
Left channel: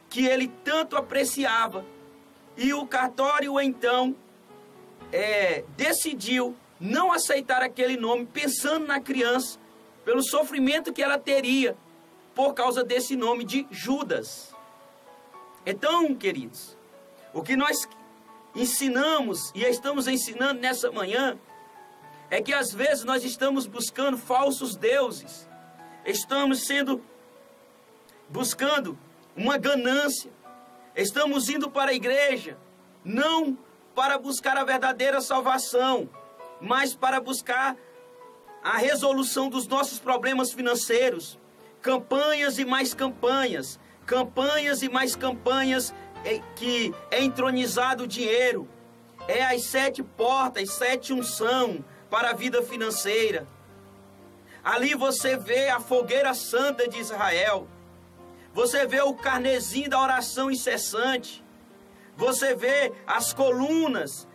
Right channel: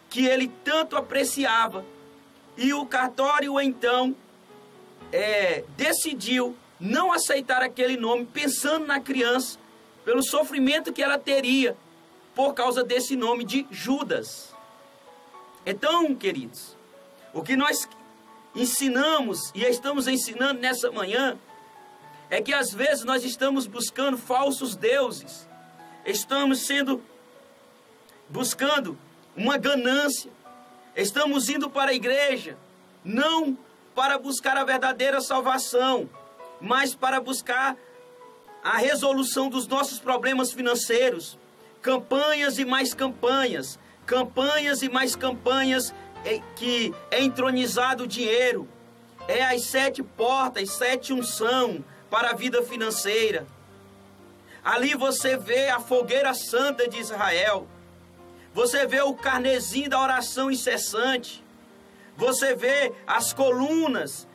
que ele tanto apreciava. E o cartório então decidiu não aceitar aquele nome, pensando na criança, pelo sofrimento que ela teria por causa desse nome de Judas. Então, queridos, o que nós ensinamos e estamos ensinando nessa manhã é que às vezes nós estamos buscando falsos deuses, estamos buscando uma ganância, estamos indo para a igreja não para buscar a verdadeira salvação, mas para buscar a resolução dos nossos problemas financeiros. Campanhas e mais campanhas, campanhas e mais campanhas que é entronizado o dinheiro. é as 7 portas, 7 unção para a vida financeira. Ali você vê a fogueira santa de Israel. Você vê o carnezinho da oração incessante. Você vê as colunas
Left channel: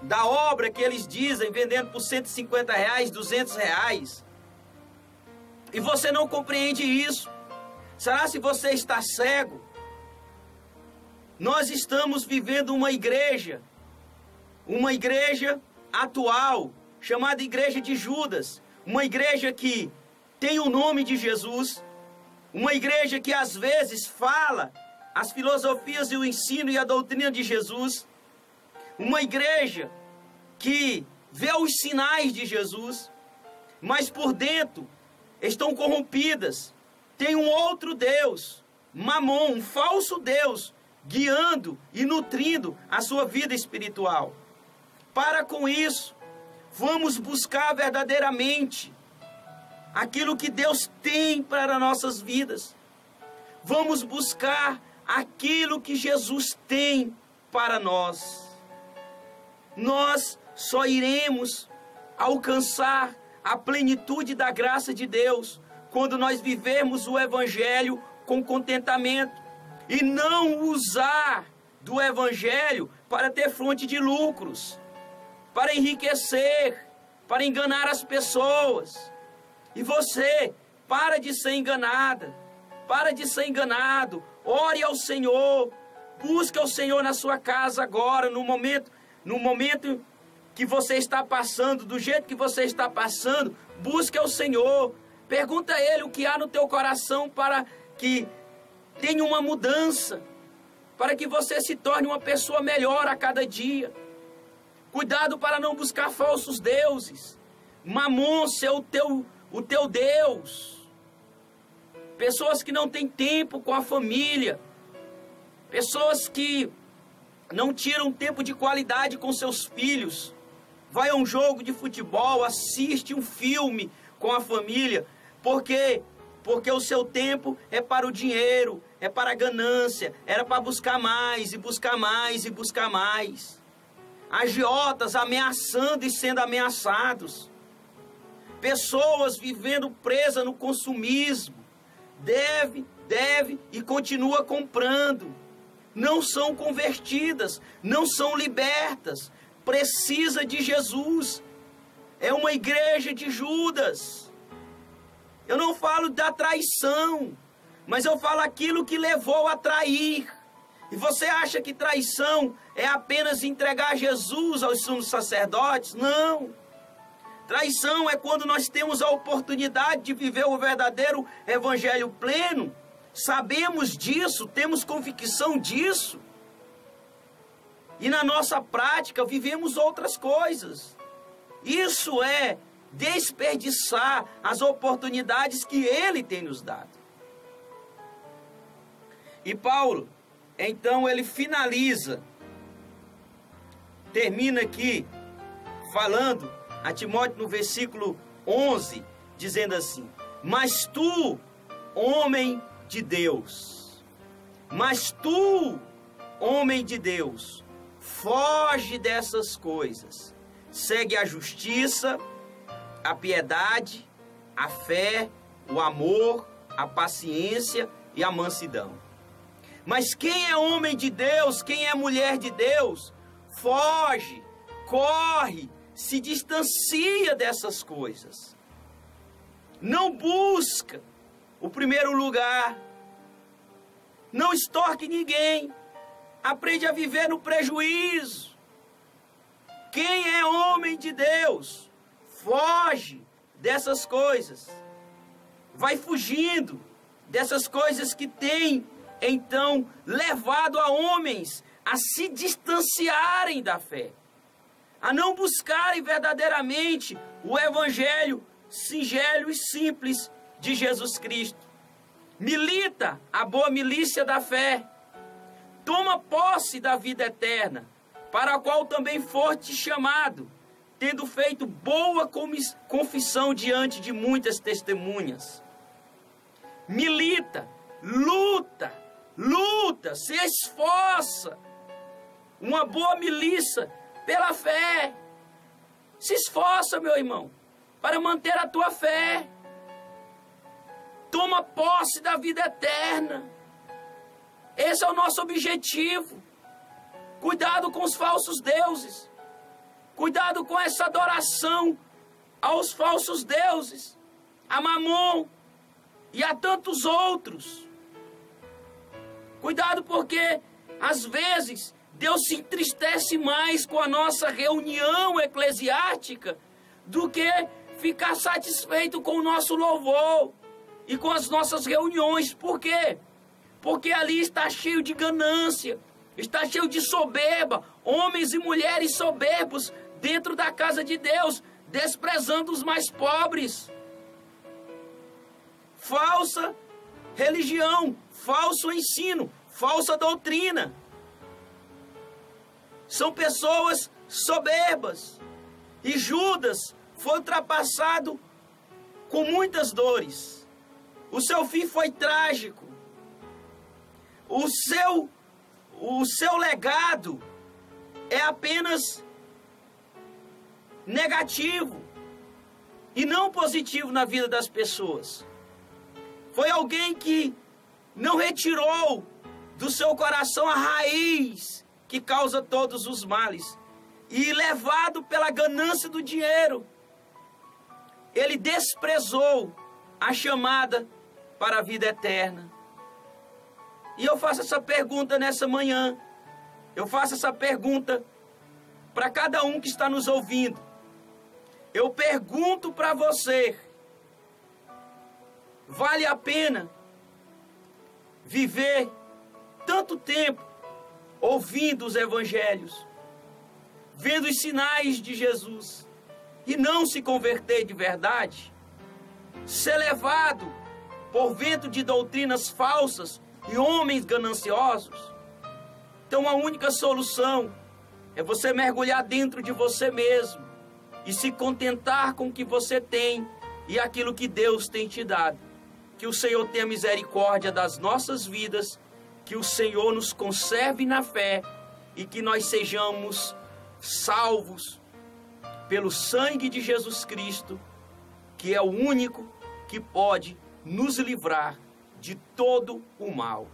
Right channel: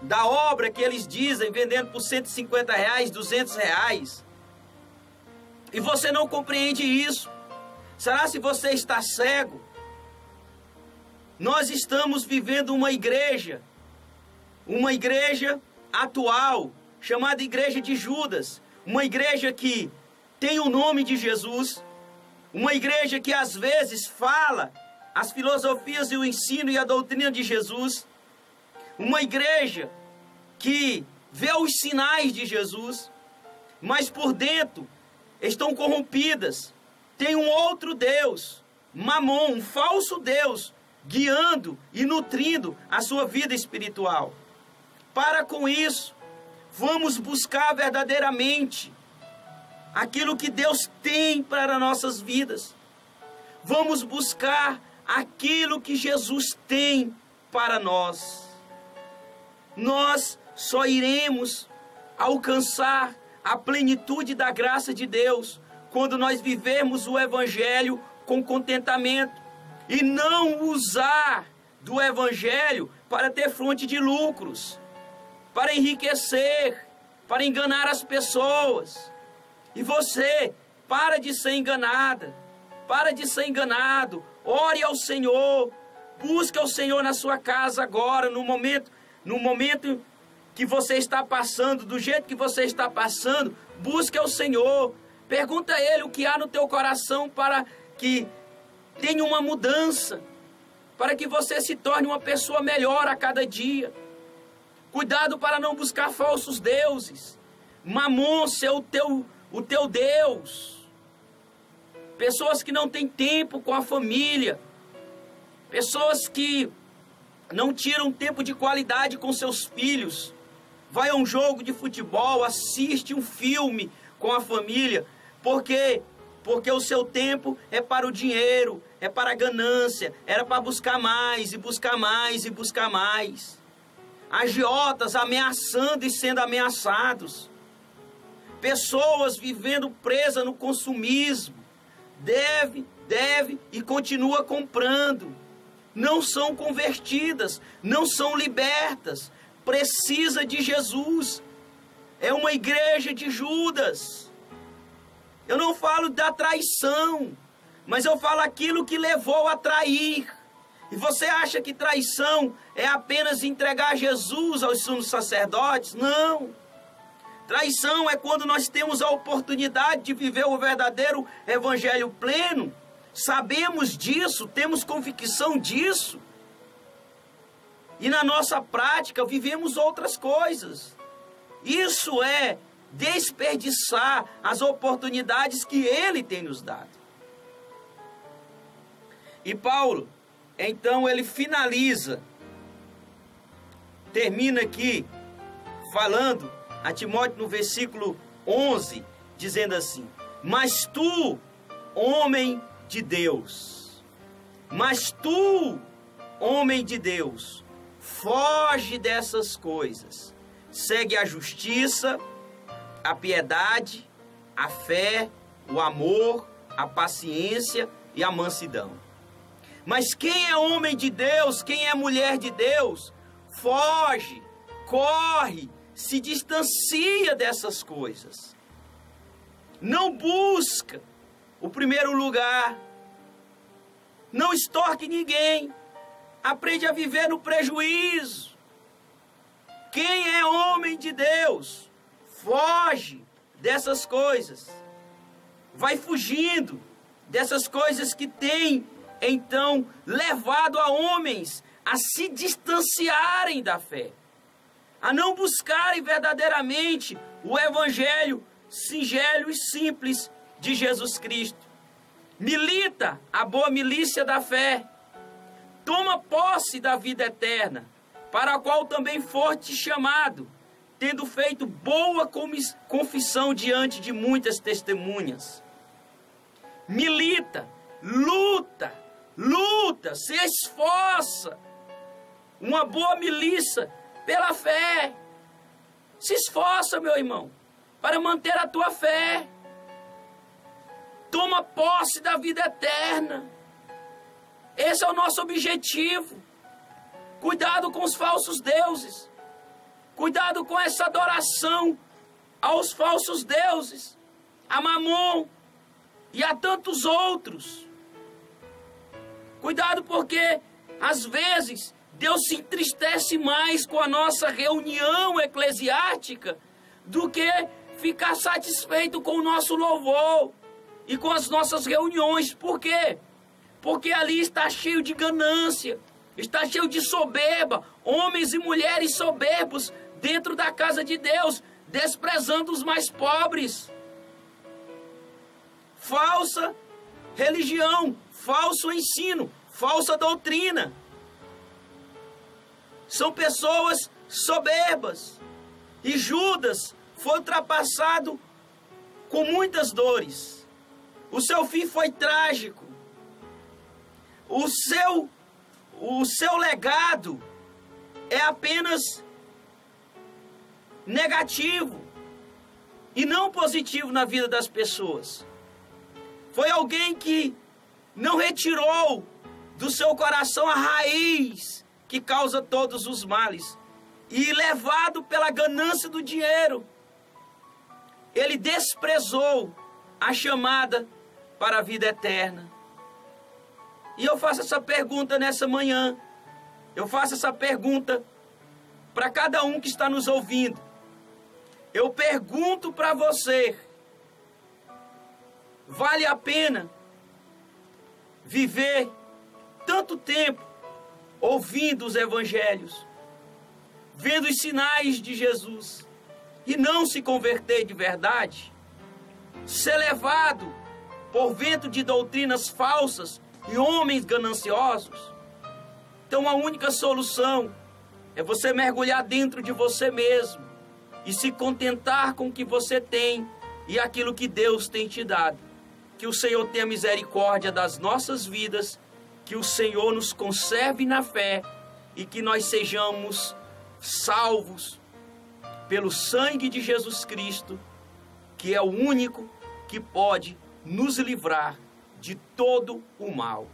da obra que eles dizem, vendendo por R$150, R$200. E você não compreende isso. Será se você está cego? Nós estamos vivendo uma igreja atual, chamada Igreja de Judas. Uma igreja que tem o nome de Jesus. Uma igreja que às vezes fala as filosofias e o ensino e a doutrina de Jesus. Uma igreja que vê os sinais de Jesus, mas por dentro estão corrompidas. Tem um outro Deus, Mamon, um falso Deus, guiando e nutrindo a sua vida espiritual. Para com isso, vamos buscar verdadeiramente aquilo que Deus tem para nossas vidas. Vamos buscar aquilo que Jesus tem para nós. Nós só iremos alcançar a plenitude da graça de Deus quando nós vivermos o Evangelho com contentamento e não usar do Evangelho para ter fonte de lucros, para enriquecer, para enganar as pessoas. E você, para de ser enganada, para de ser enganado. Ore ao Senhor, busque ao Senhor na sua casa agora, no momento que você está passando, do jeito que você está passando, busque ao Senhor. Pergunta a Ele o que há no teu coração para que tenha uma mudança, para que você se torne uma pessoa melhor a cada dia. Cuidado para não buscar falsos deuses. Mamon ser o teu Deus. Pessoas que não têm tempo com a família. Pessoas que não tiram tempo de qualidade com seus filhos. Vai a um jogo de futebol, assiste um filme com a família. Por quê? Porque o seu tempo é para o dinheiro, é para a ganância. Era para buscar mais e buscar mais e buscar mais. Agiotas ameaçando e sendo ameaçados. Pessoas vivendo presas no consumismo. Deve e continua comprando. Não são convertidas, não são libertas. Precisa de Jesus. É uma igreja de Judas. Eu não falo da traição, mas eu falo aquilo que levou a trair. E você acha que traição é apenas entregar Jesus aos sumos sacerdotes? Não. Traição é quando nós temos a oportunidade de viver o verdadeiro evangelho pleno. Sabemos disso, temos convicção disso. E na nossa prática vivemos outras coisas. Isso é desperdiçar as oportunidades que Ele tem nos dado. E Paulo, então ele finaliza, termina aqui falando a Timóteo no versículo 11, dizendo assim: mas tu, homem de Deus, foge dessas coisas, segue a justiça, a piedade, a fé, o amor, a paciência e a mansidão. Mas quem é homem de Deus, quem é mulher de Deus, foge, corre, se distancia dessas coisas. Não busca o primeiro lugar. Não extorque ninguém. Aprende a viver no prejuízo. Quem é homem de Deus, foge dessas coisas. Vai fugindo dessas coisas que têm, então, levado a homens a se distanciarem da fé, a não buscarem verdadeiramente o evangelho singelo e simples de Jesus Cristo. Milita a boa milícia da fé. Toma posse da vida eterna, para a qual também foste chamado, tendo feito boa confissão diante de muitas testemunhas. Milita, luta, se esforça. uma boa milícia pela fé. Se esforça, meu irmão, para manter a tua fé. Toma posse da vida eterna. Esse é o nosso objetivo. Cuidado com os falsos deuses. Cuidado com essa adoração aos falsos deuses, a Mamon e a tantos outros. Cuidado porque, às vezes, Deus se entristece mais com a nossa reunião eclesiástica do que ficar satisfeito com o nosso louvor e com as nossas reuniões. Por quê? Porque ali está cheio de ganância, está cheio de soberba, homens e mulheres soberbos dentro da casa de Deus, desprezando os mais pobres. Falsa religião, falso ensino, falsa doutrina. São pessoas soberbas. E Judas foi ultrapassado com muitas dores. O seu fim foi trágico. O seu legado é apenas negativo e não positivo na vida das pessoas. Foi alguém que não retirou do seu coração a raiz que causa todos os males. E levado pela ganância do dinheiro, ele desprezou a chamada para a vida eterna. E eu faço essa pergunta nessa manhã. Eu faço essa pergunta para cada um que está nos ouvindo. Eu pergunto para você: vale a pena viver tanto tempo ouvindo os evangelhos, vendo os sinais de Jesus e não se converter de verdade? Ser levado por vento de doutrinas falsas e homens gananciosos? Então a única solução é você mergulhar dentro de você mesmo e se contentar com o que você tem e aquilo que Deus tem te dado. Que o Senhor tenha misericórdia das nossas vidas, que o Senhor nos conserve na fé e que nós sejamos salvos pelo sangue de Jesus Cristo, que é o único que pode nos livrar de todo o mal.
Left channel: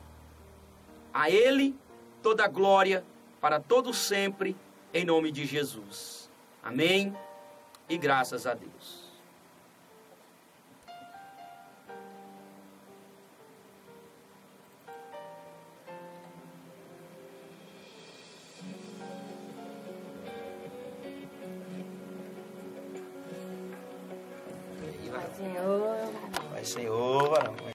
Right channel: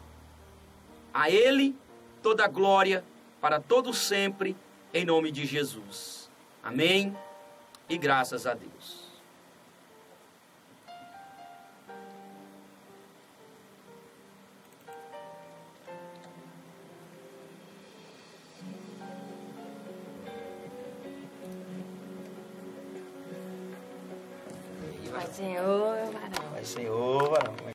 A Ele toda a glória para todo sempre, em nome de Jesus. Amém e graças a Deus. Vai, Senhor, varão. Vai, Senhor, varão.